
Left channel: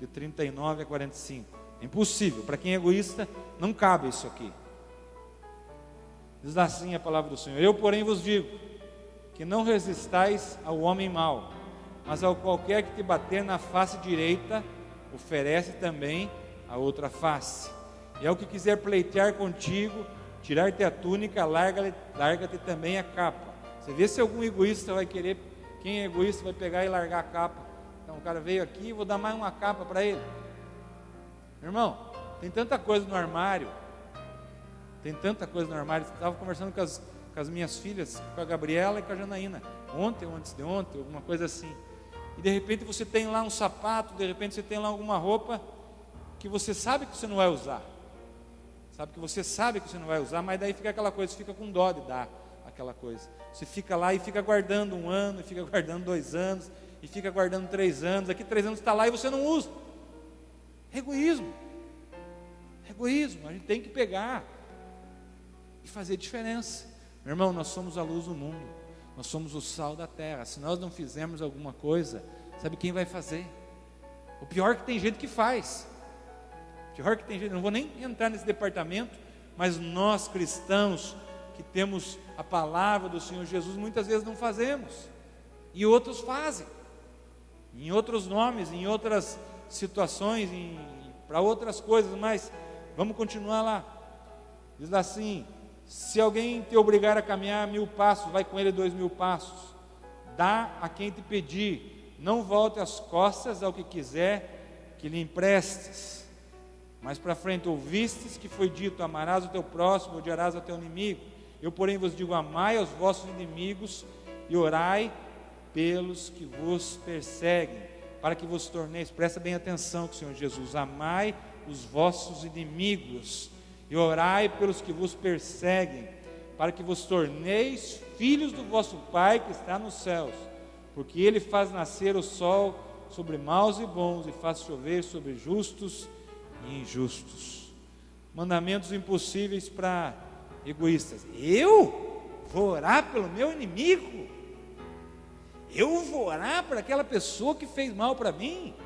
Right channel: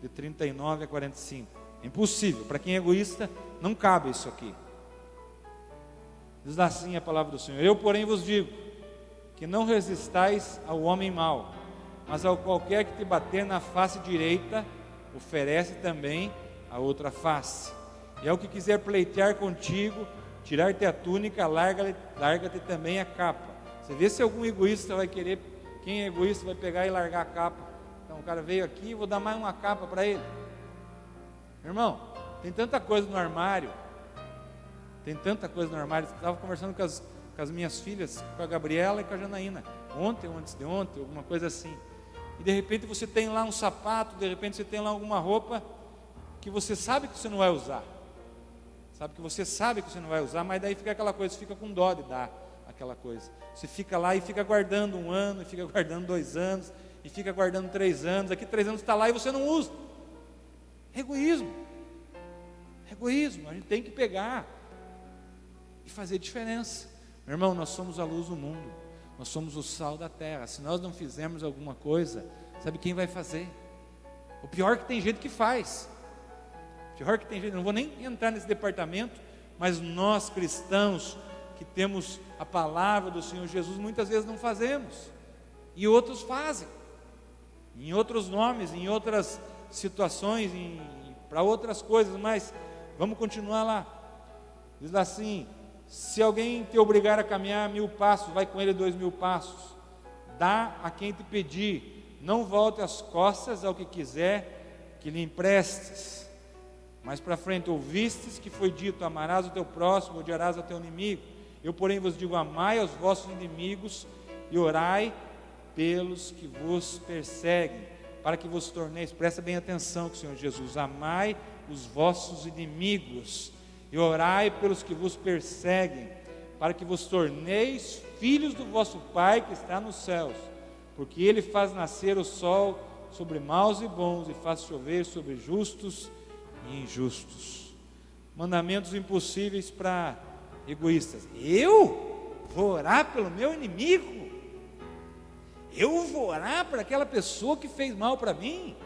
de 39 a 45. É impossível, para quem é egoísta, não cabe isso aqui. Diz assim a palavra do Senhor: eu, porém, vos digo, que não resistais ao homem mau, mas ao qualquer que te bater na face direita, oferece também a outra face. E ao que quiser pleitear contigo, tirar-te a túnica, larga-te também a capa. Você vê se algum egoísta vai querer, quem é egoísta vai pegar e largar a capa. Então o cara veio aqui, vou dar mais uma capa para ele. Irmão, tem tanta coisa no armário. Estava conversando com as minhas filhas, com a Gabriela e com a Janaína, ontem ou antes de ontem, alguma coisa assim. E de repente você tem lá um sapato, de repente você tem lá alguma roupa que você sabe que você não vai usar. Mas daí fica aquela coisa, você fica com dó de dar aquela coisa. Você fica lá e fica guardando 1 ano, e fica guardando 2 anos, e fica guardando 3 anos. Aqui 3 anos está lá e você não usa. Egoísmo. A gente tem que pegar e fazer diferença. Meu irmão, nós somos a luz do mundo, nós somos o sal da terra. Se nós não fizermos alguma coisa, sabe quem vai fazer? O pior é que tem gente que faz. Não vou nem entrar nesse departamento, mas nós cristãos que temos a palavra do Senhor Jesus, muitas vezes não fazemos, e outros fazem, em outros nomes, em outras situações, para outras coisas, mas vamos continuar lá. Diz assim: se alguém te obrigar a caminhar 1000 passos, vai com ele 2000 passos, dá a quem te pedir, não volte as costas ao que quiser que lhe emprestes. Mais para frente, ouvistes que foi dito: amarás o teu próximo, odiarás o teu inimigo. Eu, porém, vos digo: amai aos vossos inimigos e orai pelos que vos perseguem, para que vos torneis, presta bem atenção, Senhor Jesus, amai os vossos inimigos e orai pelos que vos perseguem, para que vos torneis filhos do vosso Pai que está nos céus, porque Ele faz nascer o sol sobre maus e bons, e faz chover sobre justos e injustos. Mandamentos impossíveis para egoístas. Eu vou orar pelo meu inimigo? Eu vou orar por aquela pessoa que fez mal para mim?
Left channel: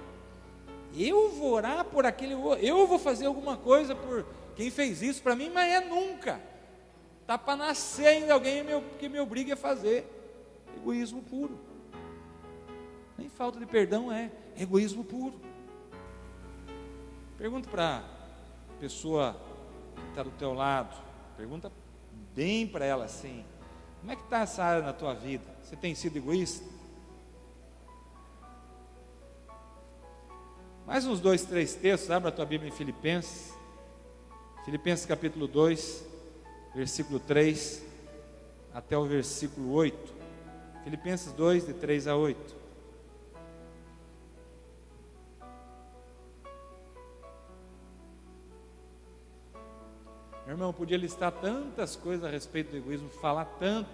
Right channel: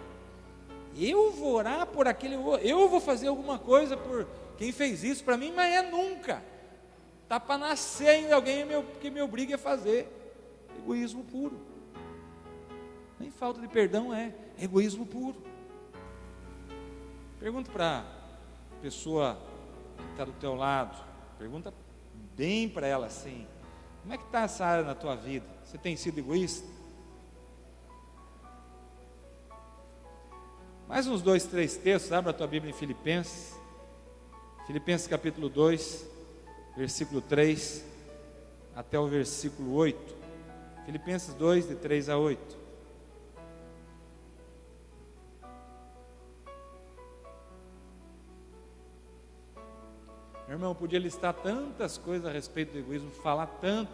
Eu vou orar por aquele... Eu vou fazer alguma coisa por quem fez isso para mim? Mas é nunca. Está para nascer ainda alguém que me obrigue a fazer. Egoísmo puro. Nem falta de perdão, é egoísmo puro. Pergunta para a pessoa que está do teu lado, pergunta bem para ela assim: como é que está essa área na tua vida? Você tem sido egoísta? Mais uns 2, 3 textos, abre a tua Bíblia em Filipenses capítulo 2, versículo 3 até o versículo 8. Filipenses 2, de 3 a 8. irmão podia listar tantas coisas a respeito do egoísmo, falar tanto,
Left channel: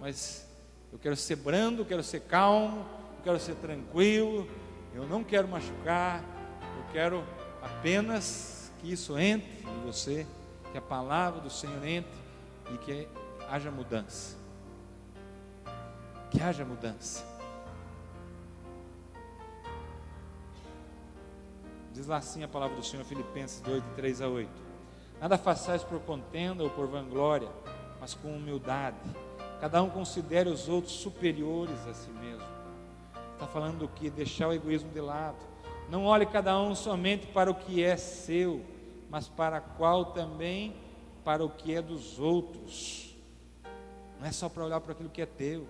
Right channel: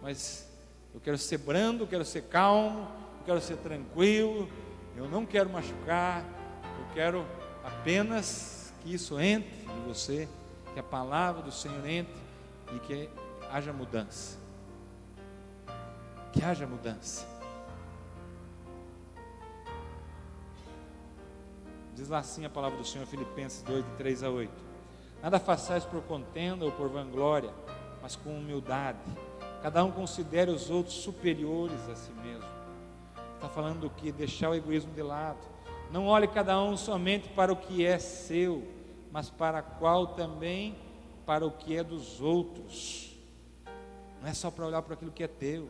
mas eu quero ser brando, eu quero ser calmo, eu quero ser tranquilo, eu não quero machucar, eu quero apenas que isso entre em você, que a palavra do Senhor entre e que haja mudança. Que haja mudança. Diz lá assim a palavra do Senhor, Filipenses 2, 3 a 8. Nada façais por contenda ou por vanglória, mas com humildade. Cada um considere os outros superiores a si mesmo. Está falando que deixar o egoísmo de lado. Não olhe cada um somente para o que é seu, mas para qual também para o que é dos outros. Não é só para olhar para aquilo que é teu.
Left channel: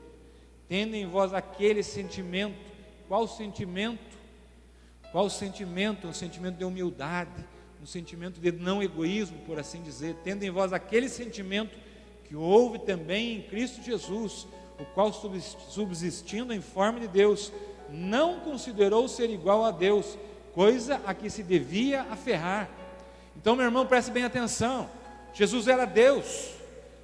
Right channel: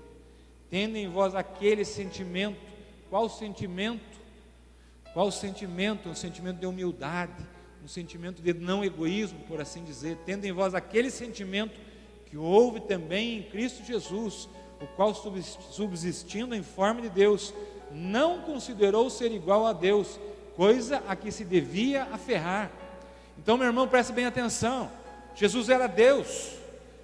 Tendo em vós aquele sentimento. Qual sentimento? Qual sentimento? Um sentimento de humildade, um sentimento de não egoísmo, por assim dizer. Tendo em vós aquele sentimento que houve também em Cristo Jesus, o qual, subsistindo em forma de Deus, não considerou ser igual a Deus, coisa a que se devia aferrar. Então, meu irmão, preste bem atenção. Jesus era Deus,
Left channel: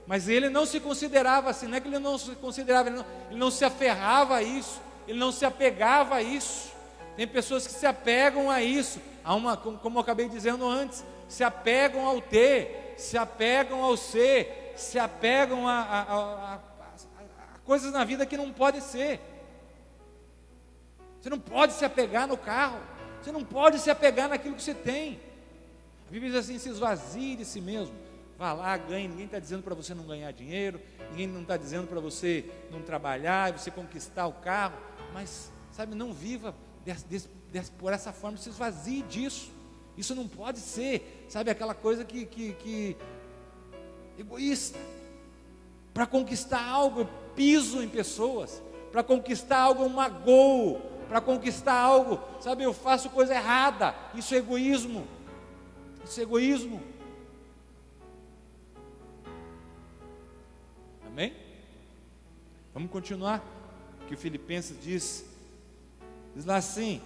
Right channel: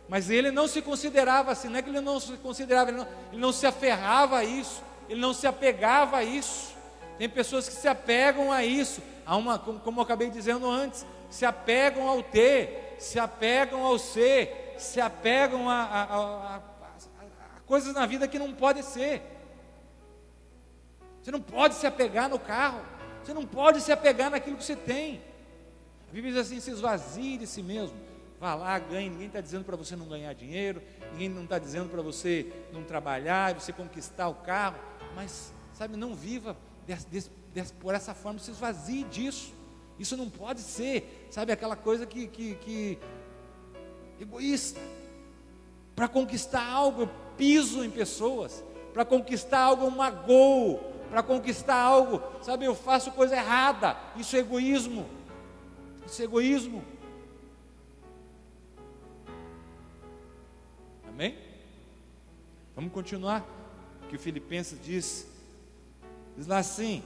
mas ele não se considerava assim. Não é que ele não se considerava, ele não se aferrava a isso, ele não se apegava a isso. Tem pessoas que se apegam a isso, como eu acabei dizendo antes, se apegam ao ter, se apegam ao ser, se apegam a coisas na vida que não pode ser. Você não pode se apegar no carro, você não pode se apegar naquilo que você tem. A Bíblia diz assim: se esvazie de si mesmo, vá lá, ganhe. Ninguém está dizendo para você não ganhar dinheiro, ninguém não está dizendo para você não trabalhar, você conquistar o carro, mas, sabe, não viva por essa forma, se esvazie disso. Isso não pode ser, sabe, aquela coisa que egoísta. Para conquistar algo, eu piso em pessoas. Para conquistar algo, eu magoo. Para conquistar algo, sabe, eu faço coisa errada. Isso é egoísmo. Isso é egoísmo. Amém? Vamos continuar. Que o Filipenses diz lá assim:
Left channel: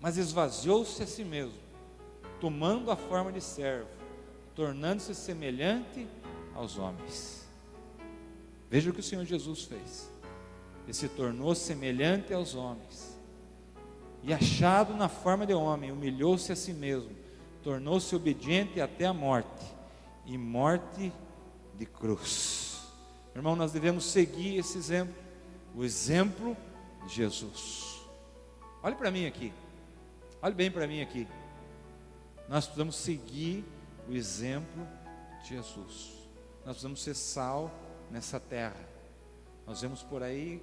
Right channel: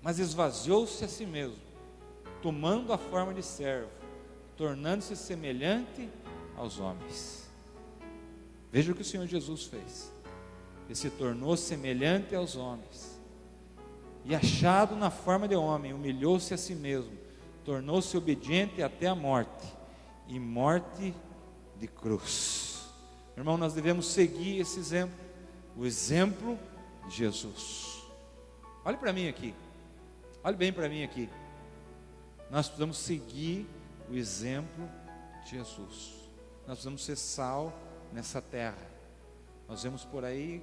mas esvaziou-se a si mesmo, tomando a forma de servo, tornando-se semelhante aos homens. Veja o que o Senhor Jesus fez. Ele se tornou semelhante aos homens, e achado na forma de homem, humilhou-se a si mesmo, tornou-se obediente até a morte, e morte de cruz. Irmão, nós devemos seguir esse exemplo, o exemplo de Jesus. Olhe para mim aqui, olhe bem para mim aqui. Nós precisamos seguir o exemplo de Jesus. Nós precisamos ser sal nessa terra. Nós vemos por aí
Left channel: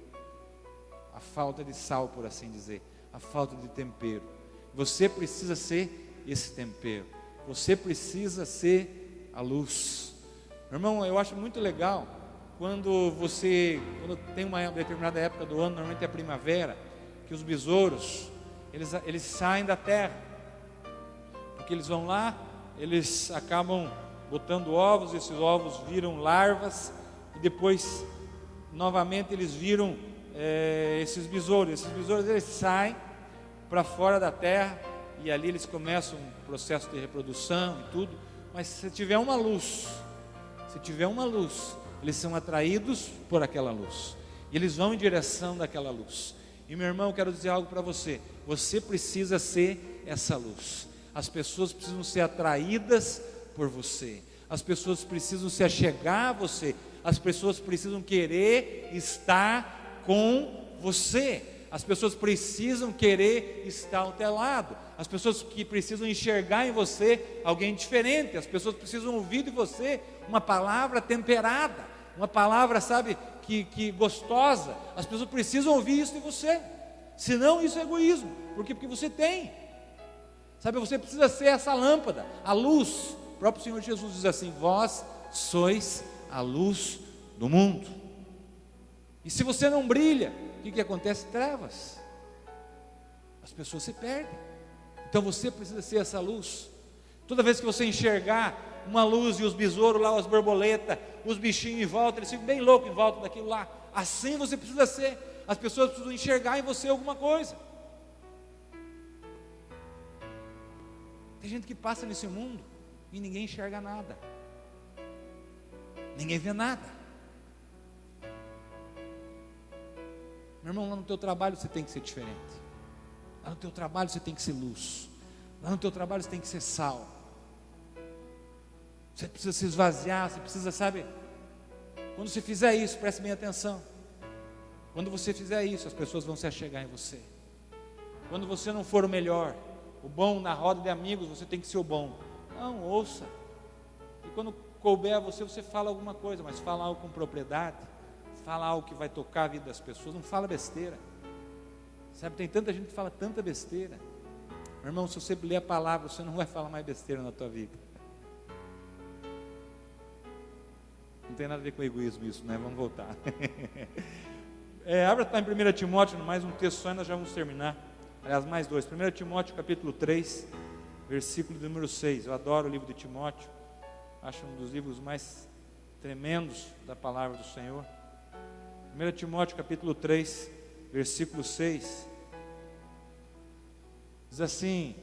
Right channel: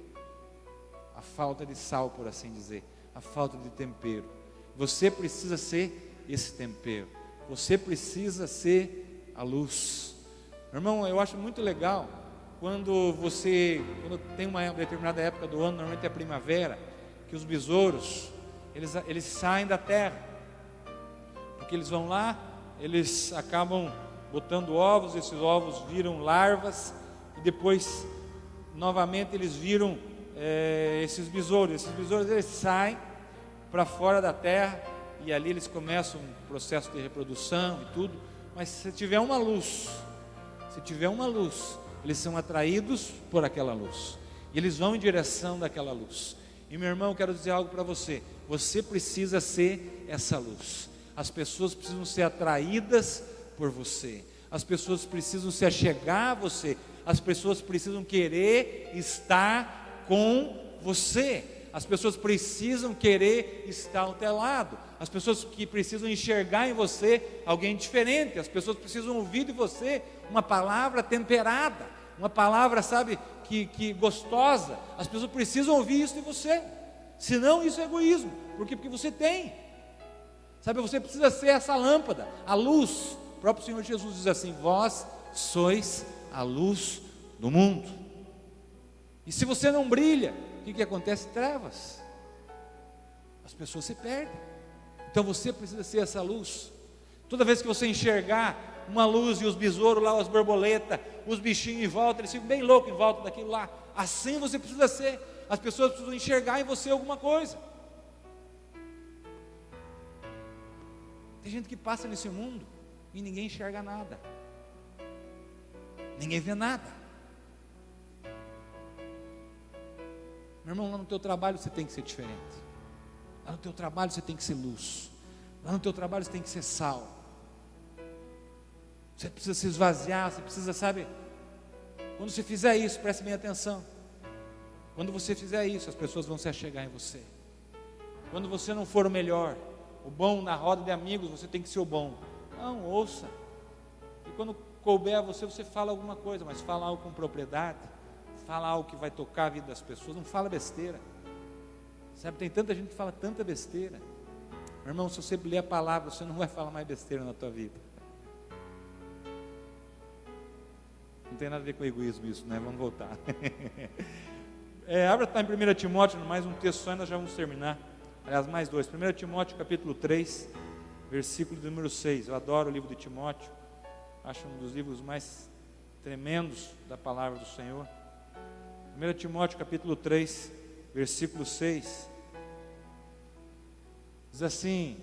a falta de sal, por assim dizer, a falta de tempero. Você precisa ser esse tempero. Você precisa ser a luz. Irmão, eu acho muito legal quando tem uma determinada época do ano, normalmente é a primavera, que os besouros, eles saem da terra, porque eles vão lá, eles acabam botando ovos, esses ovos viram larvas, e depois, novamente, eles viram esses besouros eles saem para fora da terra, e ali eles começam um processo de reprodução e tudo, mas se tiver uma luz, eles são atraídos por aquela luz, e eles vão em direção daquela luz. E meu irmão, eu quero dizer algo para você: você precisa ser essa luz. As pessoas precisam ser atraídas por você, as pessoas precisam se achegar a você, as pessoas precisam querer estar com você, as pessoas precisam querer estar ao teu lado, as pessoas que precisam enxergar em você alguém diferente, as pessoas precisam ouvir de você uma palavra temperada, uma palavra, sabe, que gostosa. As pessoas precisam ouvir isso de você, senão isso é egoísmo, porque você tem, sabe, você precisa ser essa lâmpada, a luz. O próprio Senhor Jesus diz assim: vós sois a luz do mundo. E se você não brilha, o que acontece? Trevas, as pessoas se perdem. Então você precisa ser essa luz. Toda vez que você enxergar uma luz e os besouros lá, as borboletas, os bichinhos em volta, eles ficam bem loucos em volta daquilo lá, assim você precisa ser. As pessoas precisam enxergar em você alguma coisa. Tem gente que passa nesse mundo e ninguém enxerga nada. Ninguém vê nada. Meu irmão, lá no teu trabalho você tem que ser diferente. Lá no teu trabalho você tem que ser luz. Lá no teu trabalho você tem que ser sal. Você precisa se esvaziar, você precisa, sabe? Quando você fizer isso, preste bem atenção. Quando você fizer isso, as pessoas vão se achegar em você. Quando você não for o melhor, o bom na roda de amigos, você tem que ser o bom. Não, ouça. E quando couber a você, você fala alguma coisa, mas fala algo com propriedade. Fala algo que vai tocar a vida das pessoas. Não fala besteira. Sabe, tem tanta gente que fala tanta besteira. Meu irmão, se você ler a palavra, você não vai falar mais besteira na tua vida. Não tem nada a ver com egoísmo isso, né? Vamos voltar. Abra tá em 1 Timóteo, mais um texto só e nós já vamos terminar. Aliás, mais dois. 1 Timóteo capítulo 3, versículo número 6. Eu adoro o livro de Timóteo. Acho um dos livros mais tremendos da palavra do Senhor. 1 Timóteo capítulo 3, versículo 6. Diz assim:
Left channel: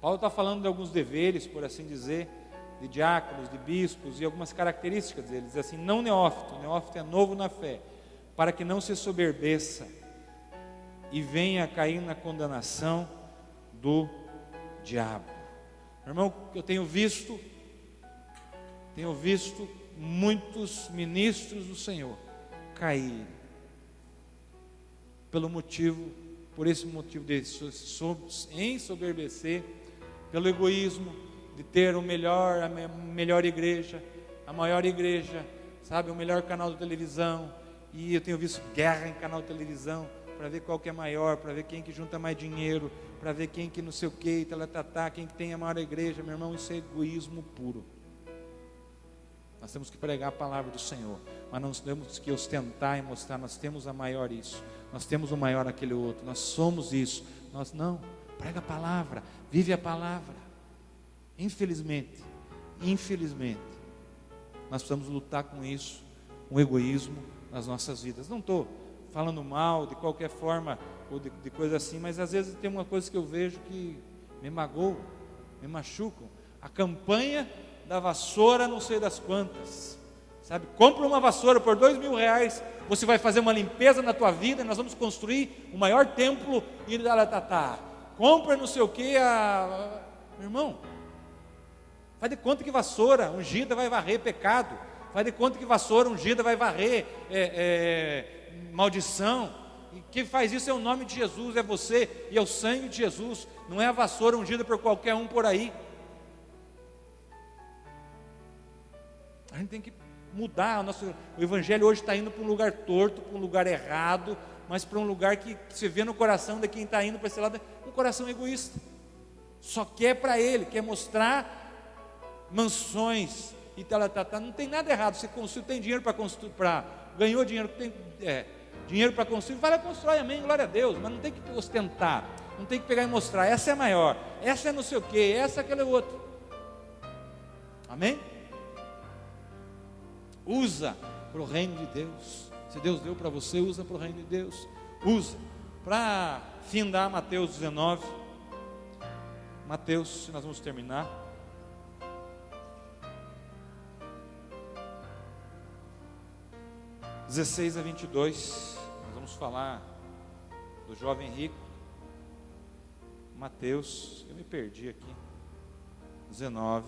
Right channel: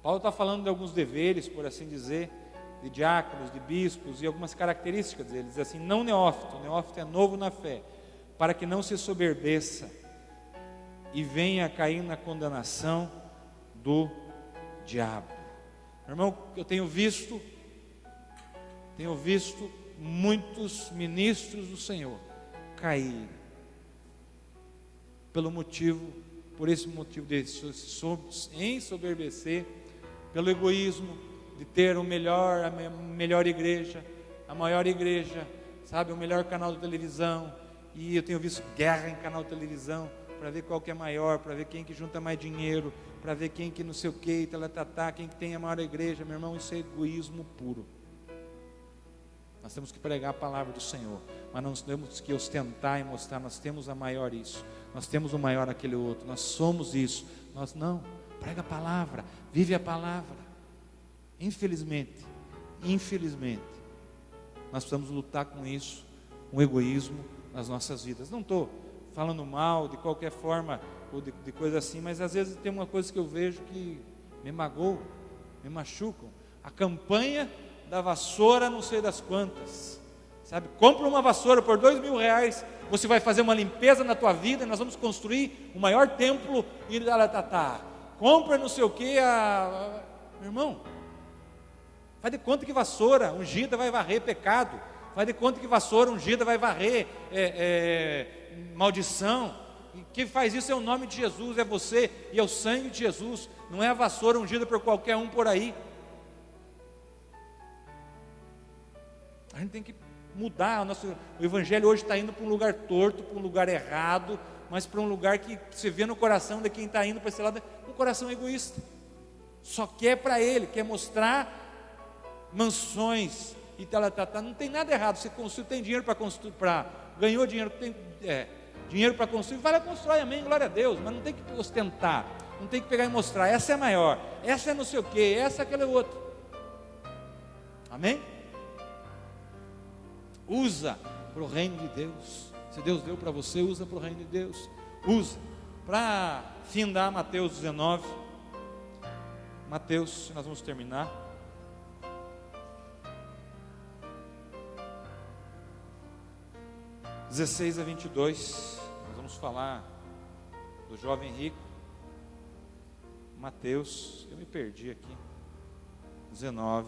Paulo está falando de alguns deveres, por assim dizer, de diáconos, de bispos e algumas características deles. Diz assim: não neófito, neófito é novo na fé, para que não se soberbeça e venha a cair na condenação do diabo. Irmão, eu tenho visto muitos ministros do Senhor cair por esse motivo de se ensoberbecer, pelo egoísmo de ter a melhor igreja, a maior igreja, sabe, o melhor canal de televisão. E eu tenho visto guerra em canal de televisão para ver qual que é maior, para ver quem que junta mais dinheiro, para ver quem que não sei o que, quem que tem a maior igreja. Meu irmão, isso é egoísmo puro. Nós temos que pregar a palavra do Senhor, mas não temos que ostentar e mostrar, nós temos a maior isso, nós temos o maior aquele outro, nós somos isso. Nós não, prega a palavra, vive a palavra. Infelizmente, nós precisamos lutar com isso, com o egoísmo nas nossas vidas. Não estou falando mal de qualquer forma, ou de coisa assim, mas às vezes tem uma coisa que eu vejo que me magoa, me machucam. A campanha da vassoura não sei das quantas, sabe? Compra uma vassoura por R$2.000, você vai fazer uma limpeza na tua vida, e nós vamos construir o maior templo em Iratatá. Compra não sei o que, meu irmão, faz de conta que vassoura ungida vai varrer pecado, faz de conta que vassoura ungida vai varrer maldição. E quem faz isso é o nome de Jesus, é você e é o sangue de Jesus, não é a vassoura ungida por qualquer um por aí. A gente tem que mudar. O evangelho hoje está indo para um lugar torto, para um lugar errado, mas para um lugar que se vê no coração de quem está indo para esse lado, um coração egoísta. Só quer para ele, quer mostrar mansões e tal. Não tem nada errado. Você construir, tem dinheiro para construir, ganhou dinheiro, tem dinheiro para construir, vai lá constrói, amém, glória a Deus, mas não tem que ostentar, não tem que pegar e mostrar, essa é maior, essa é não sei o que, essa é aquele outro. Amém? Usa para o reino de Deus. Se Deus deu para você, usa para o reino de Deus. Usa. Para findar Mateus 19. Mateus, nós vamos terminar. (16 a 22). Nós vamos falar do jovem rico. Mateus, eu me perdi aqui. 19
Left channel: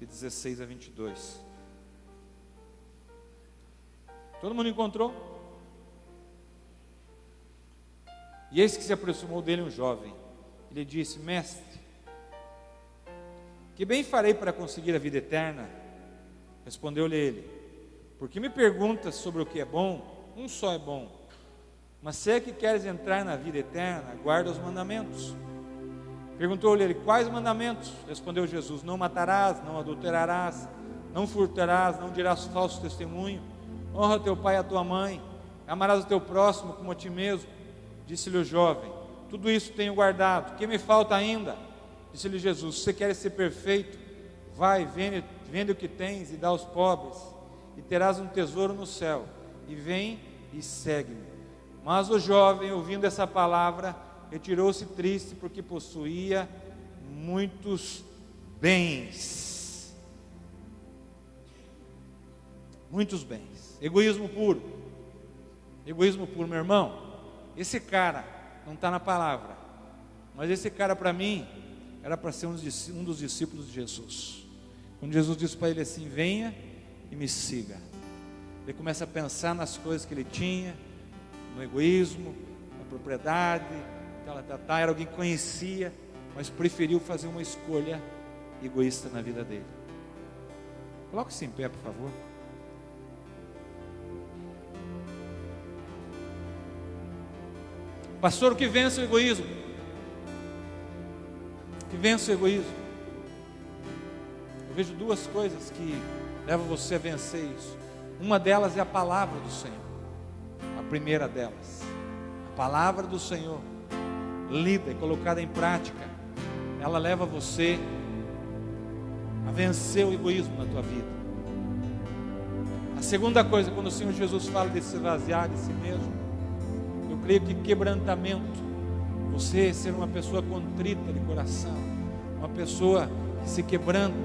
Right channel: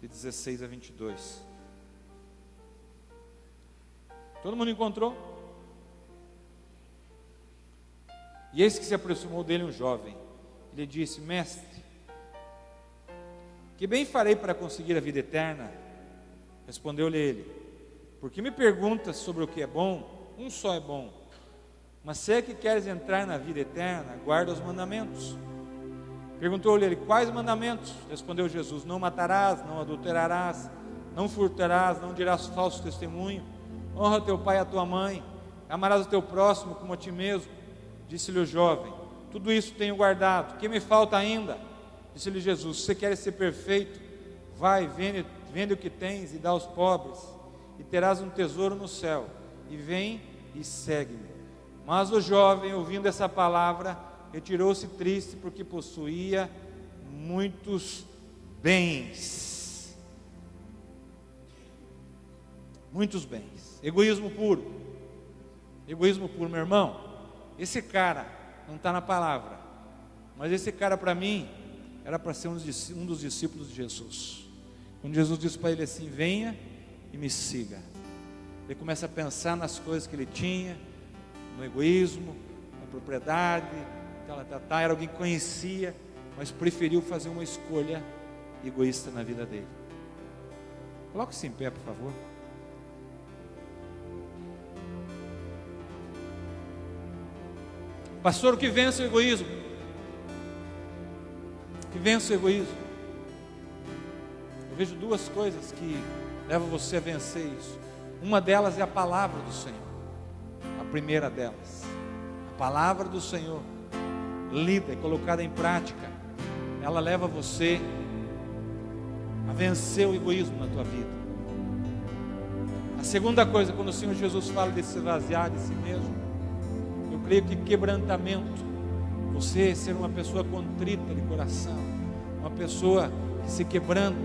e 16 a 22. Todo mundo encontrou? E eis que se aproximou dele um jovem. Ele disse: mestre, que bem farei para conseguir a vida eterna? Respondeu-lhe ele: porque me perguntas sobre o que é bom? Um só é bom. Mas se é que queres entrar na vida eterna, guarda os mandamentos. Perguntou-lhe ele: quais mandamentos? Respondeu Jesus: não matarás, não adulterarás, não furtarás, não dirás falso testemunho, honra teu pai e a tua mãe, amarás o teu próximo como a ti mesmo. Disse-lhe o jovem: tudo isso tenho guardado, que me falta ainda? Disse-lhe Jesus: se você queres ser perfeito, vai, vende o que tens e dá aos pobres, e terás um tesouro no céu, e vem e segue-me. Mas o jovem, ouvindo essa palavra, retirou-se triste, porque possuía muitos bens. Muitos bens. Egoísmo puro. Egoísmo puro, meu irmão. Esse cara não está na palavra, mas esse cara, para mim, era para ser um dos discípulos de Jesus. Quando Jesus disse para ele assim: venha e me siga, ele começa a pensar nas coisas que ele tinha, no egoísmo, na propriedade, era alguém que conhecia, mas preferiu fazer uma escolha egoísta na vida dele. Coloque-se em pé, por favor. Pastor, o que vence o egoísmo? O que vence o egoísmo? Eu vejo duas coisas que levam você a vencer isso. Uma delas é a palavra do Senhor. A primeira delas, a palavra do Senhor, lida e colocada em prática, ela leva você a vencer o egoísmo na tua vida. A segunda coisa, quando o Senhor Jesus fala de se esvaziar de si mesmo, eu creio que quebrantamento, você ser uma pessoa contrita de coração, uma pessoa que se quebranta,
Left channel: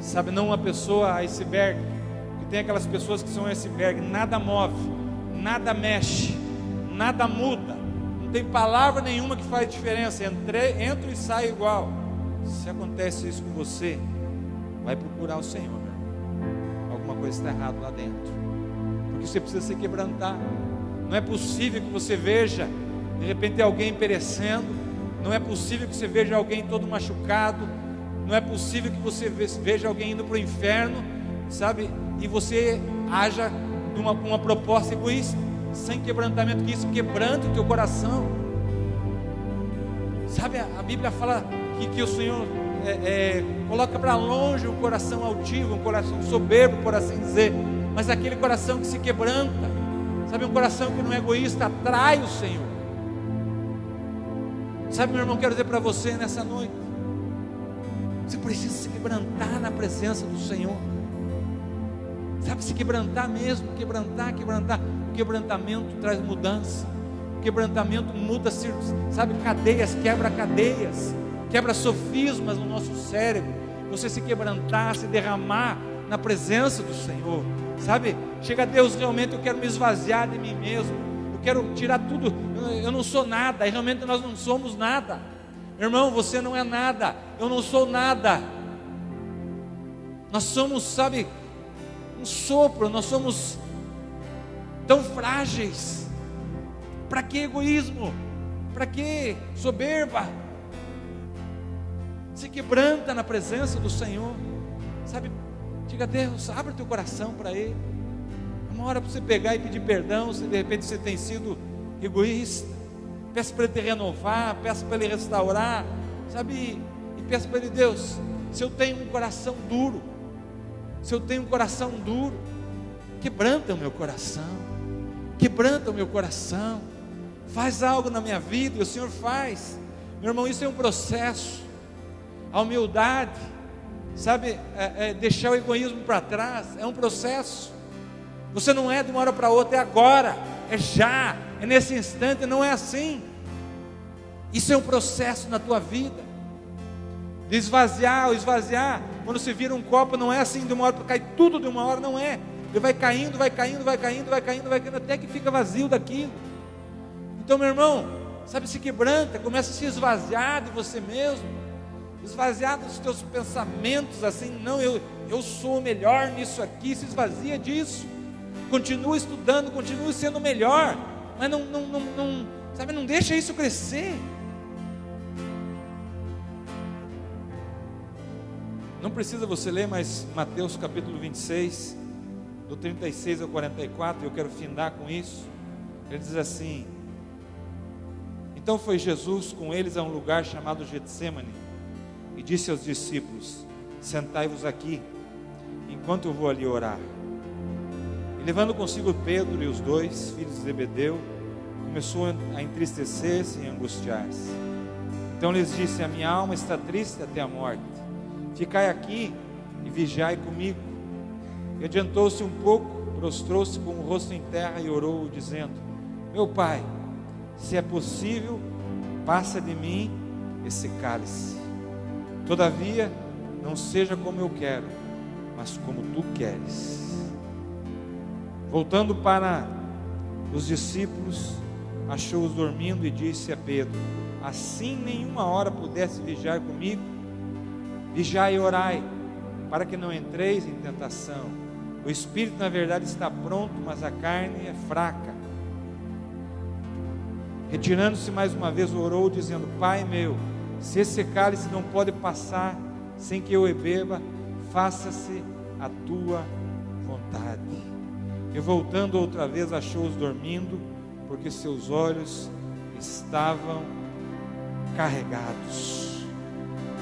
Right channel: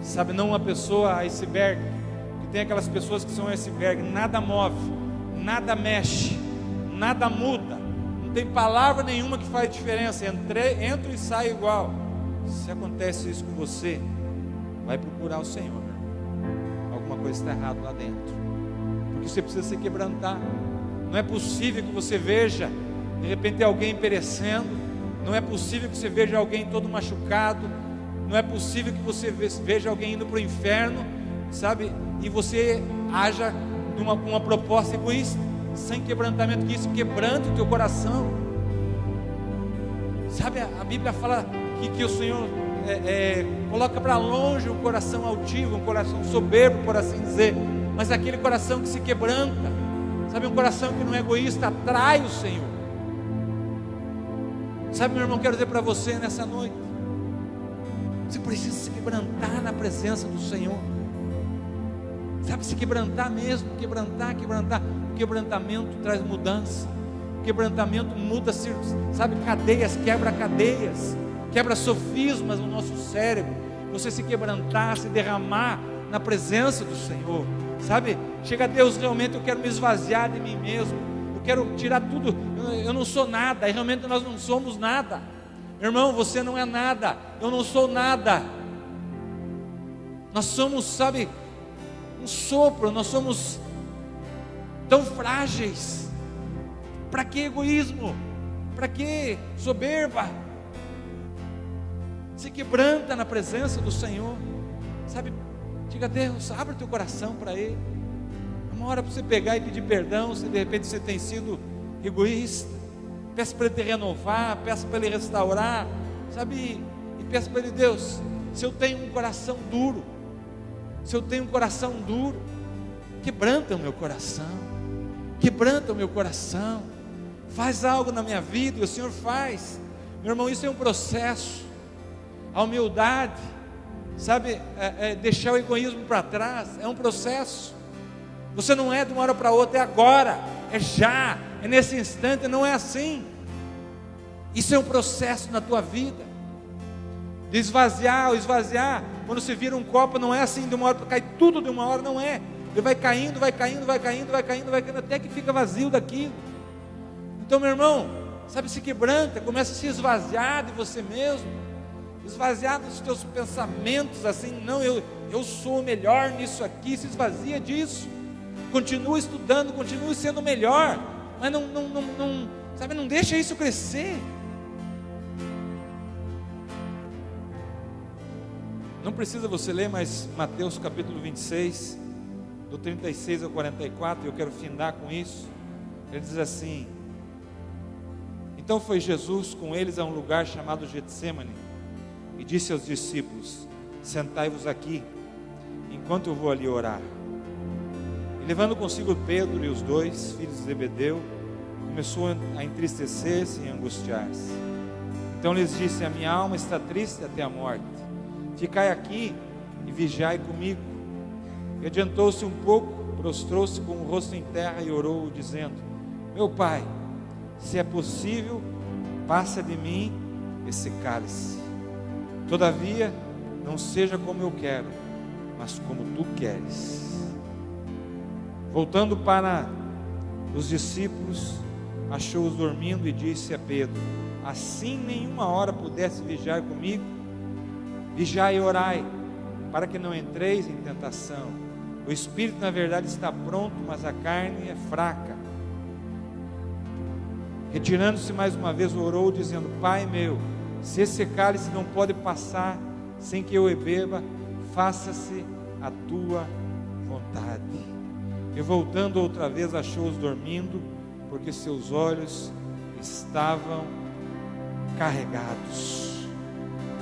sabe, não uma pessoa iceberg, que tem aquelas pessoas que são iceberg, nada move, nada mexe, nada muda, não tem palavra nenhuma que faz diferença, entra e sai igual. Se acontece isso com você, vai procurar o Senhor. Alguma coisa está errada lá dentro, porque você precisa se quebrantar. Não é possível que você veja de repente alguém perecendo, não é possível que você veja alguém todo machucado, não é possível que você veja alguém indo para o inferno, sabe, e você haja com uma proposta egoísta, sem quebrantamento, que isso quebrante o teu coração. Sabe, a Bíblia fala que o Senhor coloca para longe um coração altivo, um coração soberbo, por assim dizer, mas aquele coração que se quebranta, sabe, um coração que não é egoísta, atrai o Senhor. Sabe, meu irmão, quero dizer para você nessa noite, você precisa se quebrantar na presença do Senhor. Sabe, se quebrantar mesmo, quebrantar. O quebrantamento traz mudança. O quebrantamento muda, sabe, cadeias, quebra sofismas no nosso cérebro. Você se quebrantar, se derramar na presença do Senhor. Sabe, chega a Deus, realmente eu quero me esvaziar de mim mesmo, eu quero tirar tudo, eu não sou nada, e realmente nós não somos nada. Irmão, você não é nada, eu não sou nada. Nós somos, sabe, um sopro, nós somos tão frágeis. Para que egoísmo? Para que soberba? Se quebranta na presença do Senhor, sabe? Diga a Deus, abre teu coração para Ele. É uma hora para você pegar e pedir perdão, se de repente você tem sido egoísta. Peça para Ele te renovar, peça para Ele restaurar, sabe? E peça para Ele: Deus, se eu tenho um coração duro, quebranta o meu coração, faz algo na minha vida. E o Senhor faz, meu irmão, isso é um processo. A humildade, sabe, deixar o egoísmo para trás, é um processo. Você não é de uma hora para outra, é agora, é já, é nesse instante, não é assim. Isso é um processo na tua vida. De esvaziar, quando se vira um copo, não é assim de uma hora para cair tudo de uma hora, não é. Ele vai caindo, até que fica vazio daquilo. Então, meu irmão, sabe, se quebranta, começa a se esvaziar de você mesmo. Esvaziar dos teus pensamentos, assim, não, eu sou melhor nisso aqui. Se esvazia disso, continue estudando, continue sendo melhor, mas não deixa isso crescer. Não precisa você ler, mas Mateus capítulo 26, do 36 ao 44, eu quero findar com isso. Ele diz assim: então foi Jesus com eles a um lugar chamado Getsêmani, e disse aos discípulos: sentai-vos aqui, enquanto eu vou ali orar. E levando consigo Pedro e os dois filhos de Zebedeu, começou a entristecer-se e angustiar-se. Então lhes disse: a minha alma está triste até a morte, ficai aqui e vigiai comigo. E adiantou-se um pouco, prostrou-se com o rosto em terra e orou, dizendo: Meu Pai, se é possível, passa de mim esse cálice. Todavia, não seja como eu quero, mas como tu queres. Voltando para os discípulos, achou-os dormindo e disse a Pedro: assim nenhuma hora pudesse vigiar comigo. Vigiai e orai, para que não entreis em tentação. O espírito na verdade está pronto, mas a carne é fraca. Retirando-se mais uma vez, orou, dizendo: Pai meu, se esse cálice não pode passar sem que eu o beba, faça-se a tua vontade. E voltando outra vez, achou-os dormindo, porque seus olhos estavam carregados.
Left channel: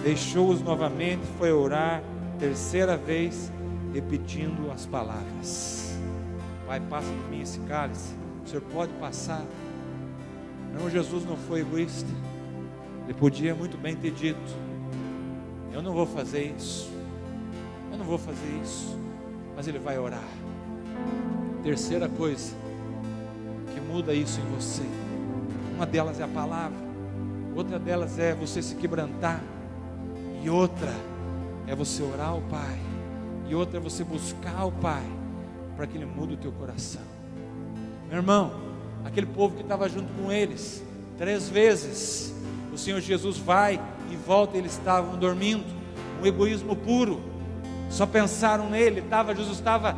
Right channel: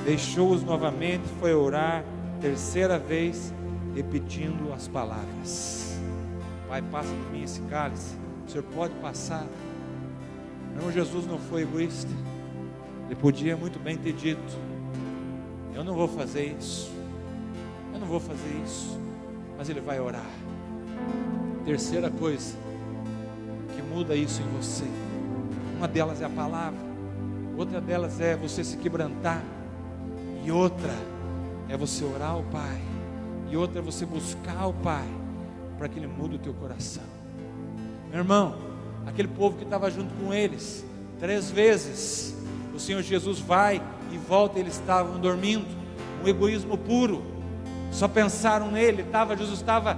Deixou-os novamente, foi orar, terceira vez, repetindo as palavras: Pai, passa de mim esse cálice. O Senhor pode passar? Meu irmão, Jesus não foi egoísta. Ele podia muito bem ter dito: eu não vou fazer isso, eu não vou fazer isso. Mas ele vai orar. Terceira coisa que muda isso em você, uma delas é a palavra, outra delas é você se quebrantar, e outra é você orar ao Pai, e outra é você buscar o Pai, para que Ele mude o teu coração. Meu irmão, aquele povo que estava junto com eles, 3 vezes o Senhor Jesus vai e volta, e eles estavam dormindo, um egoísmo puro, só pensaram nele. Jesus estava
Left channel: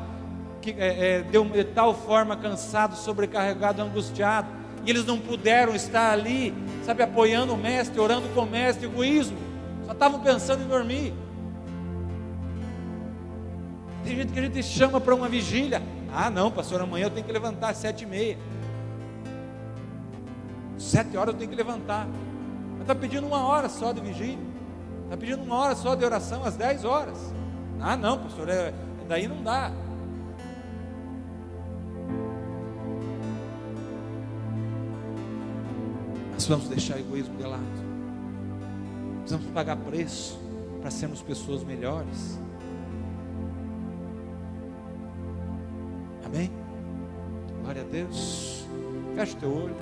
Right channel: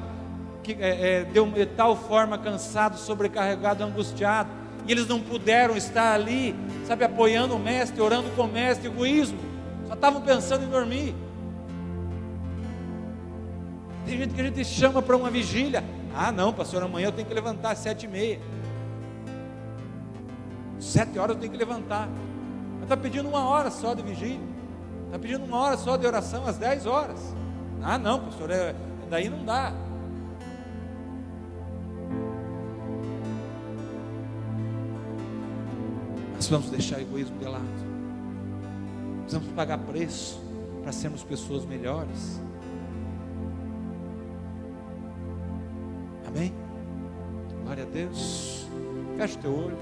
de tal forma cansado, sobrecarregado, angustiado, e eles não puderam estar ali, sabe, apoiando o mestre, orando com o mestre. Egoísmo, só estavam pensando em dormir. Tem gente que a gente chama para uma vigília: ah não, pastor, amanhã eu tenho que levantar às 7h30, 7 horas eu tenho que levantar. Mas está pedindo 1 hora só de vigília, está pedindo 1 hora só de oração às 10 horas. Ah não, pastor, daí não dá. Nós vamos deixar o egoísmo de lado. Nós vamos pagar preço para sermos pessoas melhores. Amém? Glória a Deus. Feche teu olho.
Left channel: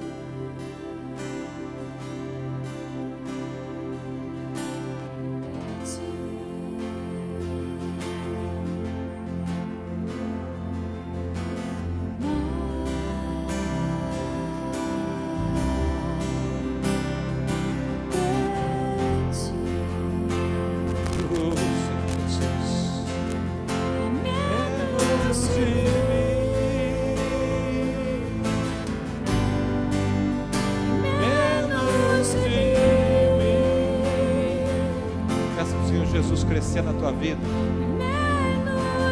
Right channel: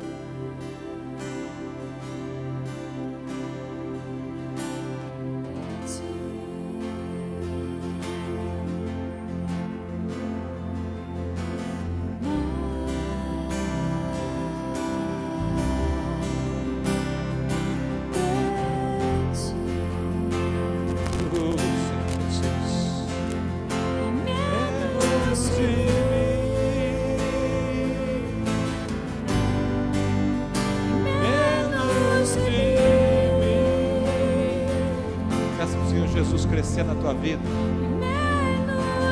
Crescer na tua vida.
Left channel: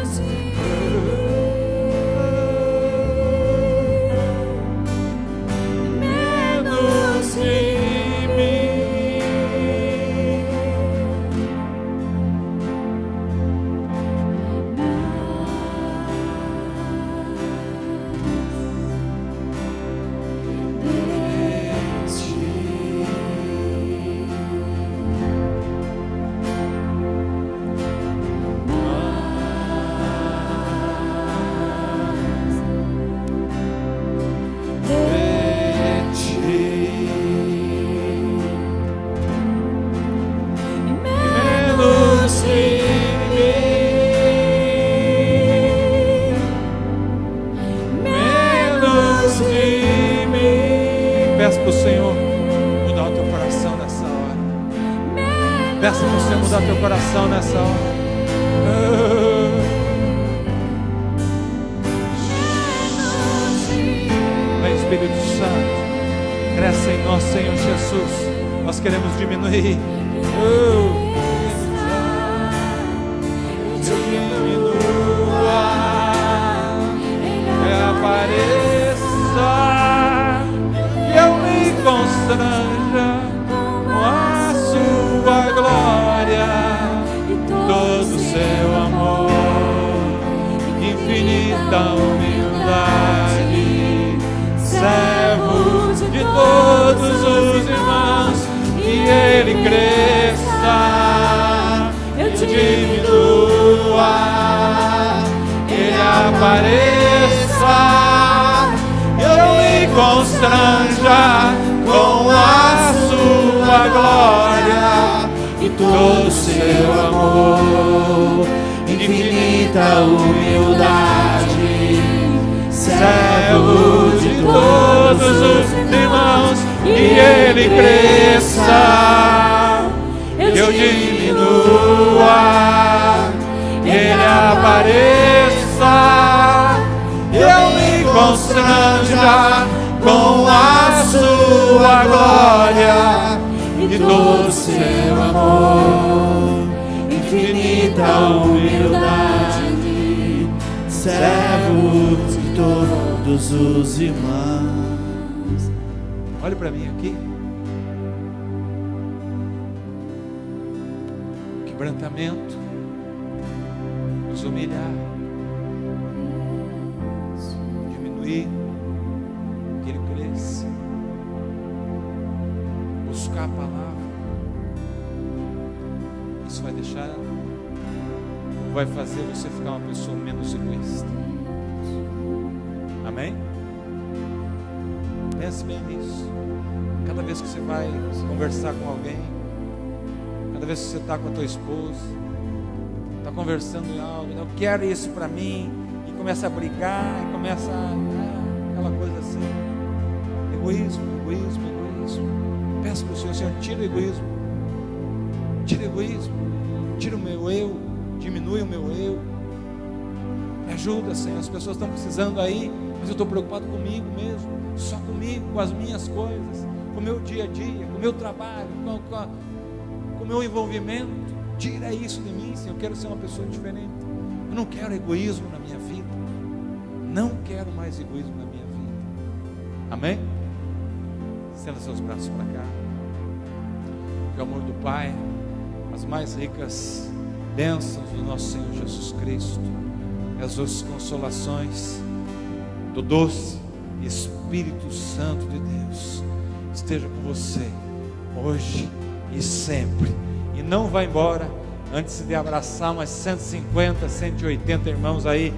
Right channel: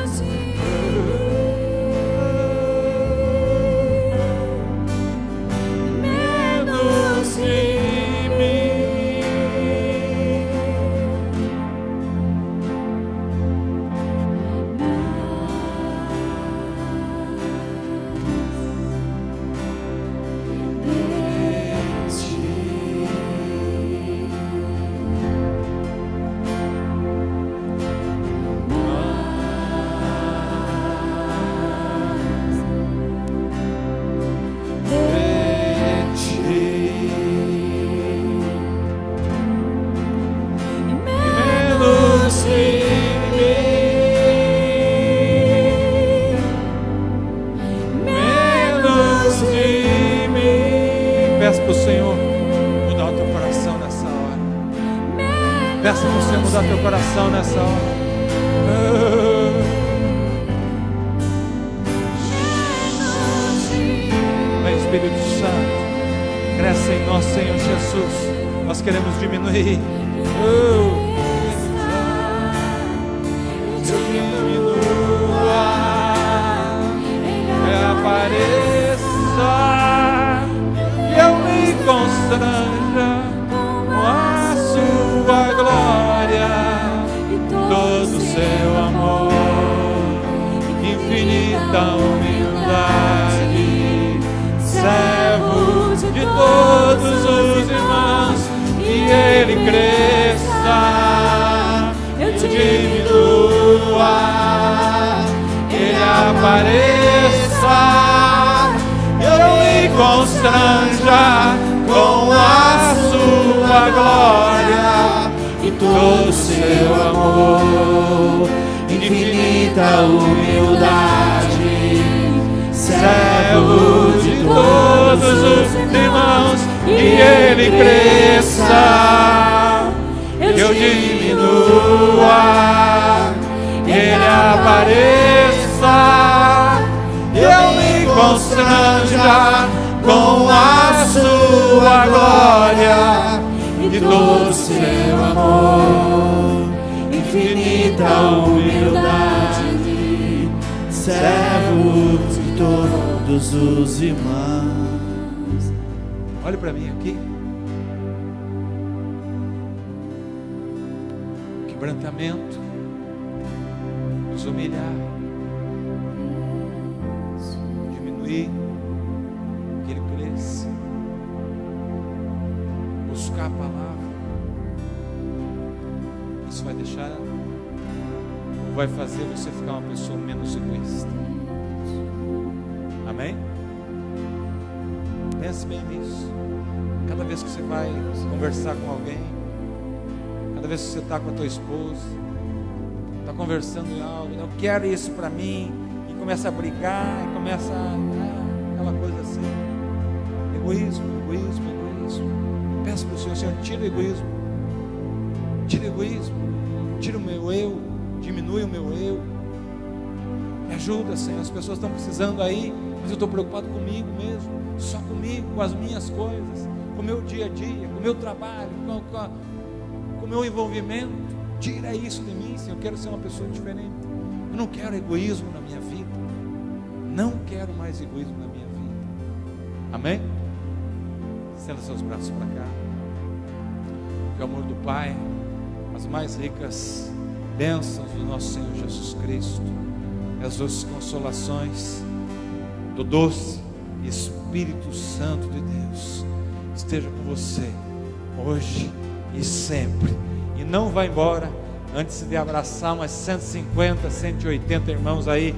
Menos de mim. Peça para o Senhor mudar o teu coração nessa hora. Peça para o Senhor mudar o teu coração nessa hora. Vem, Espírito Santo, cresce em nós, Senhor Jesus. Nós queremos diminuir. Constranja com a sua glória, todo seu amor, infinita humildade, servo de todos os irmãos, que ele cresça, eu diminua, ele apareça, eu me constranja constranja com a sua glória e todo o seu amor, infinita humildade, servo de todos os irmãos, e ele cresça, eu diminua, ele apareça, ele constranja com a sua glória e todo o seu amor, infinita humildade, servo de todos os irmãos. Olha para mim aqui. Quebrantamento, nos humilhar, diminuir, que ele cresça, buscar a palavra. Isso vai deixar, vai fazer você ficar uma pessoa menos egoísta. Amém? Pense bem nisso. Cada vez que você vai conversar com alguém, cada vez que você está com a tua esposa, está conversando em algo, não quero isso para mim, e começa a brigar, começa aquela coisa assim, egoísmo. Peço para o Senhor, tira o egoísmo, tira o meu eu, diminui o meu eu, me ajuda, Senhor. As pessoas estão precisando aí, mas eu estou preocupado comigo mesmo, só comigo, com as minhas coisas, com o meu dia a dia, com o meu trabalho, com o meu envolvimento. Tira isso de mim, Senhor. Eu quero ser uma pessoa diferente. Eu não quero egoísmo na minha vida. Não quero mais egoísmo na minha vida. Amém? Estenda seus braços para cá. Que o amor do Pai, as mais ricas bênçãos do nosso Senhor Jesus Cristo, as doces consolações do doce Espírito Santo de Deus esteja com você hoje e sempre. E não vá embora antes de abraçar umas 150, 180 irmãos aí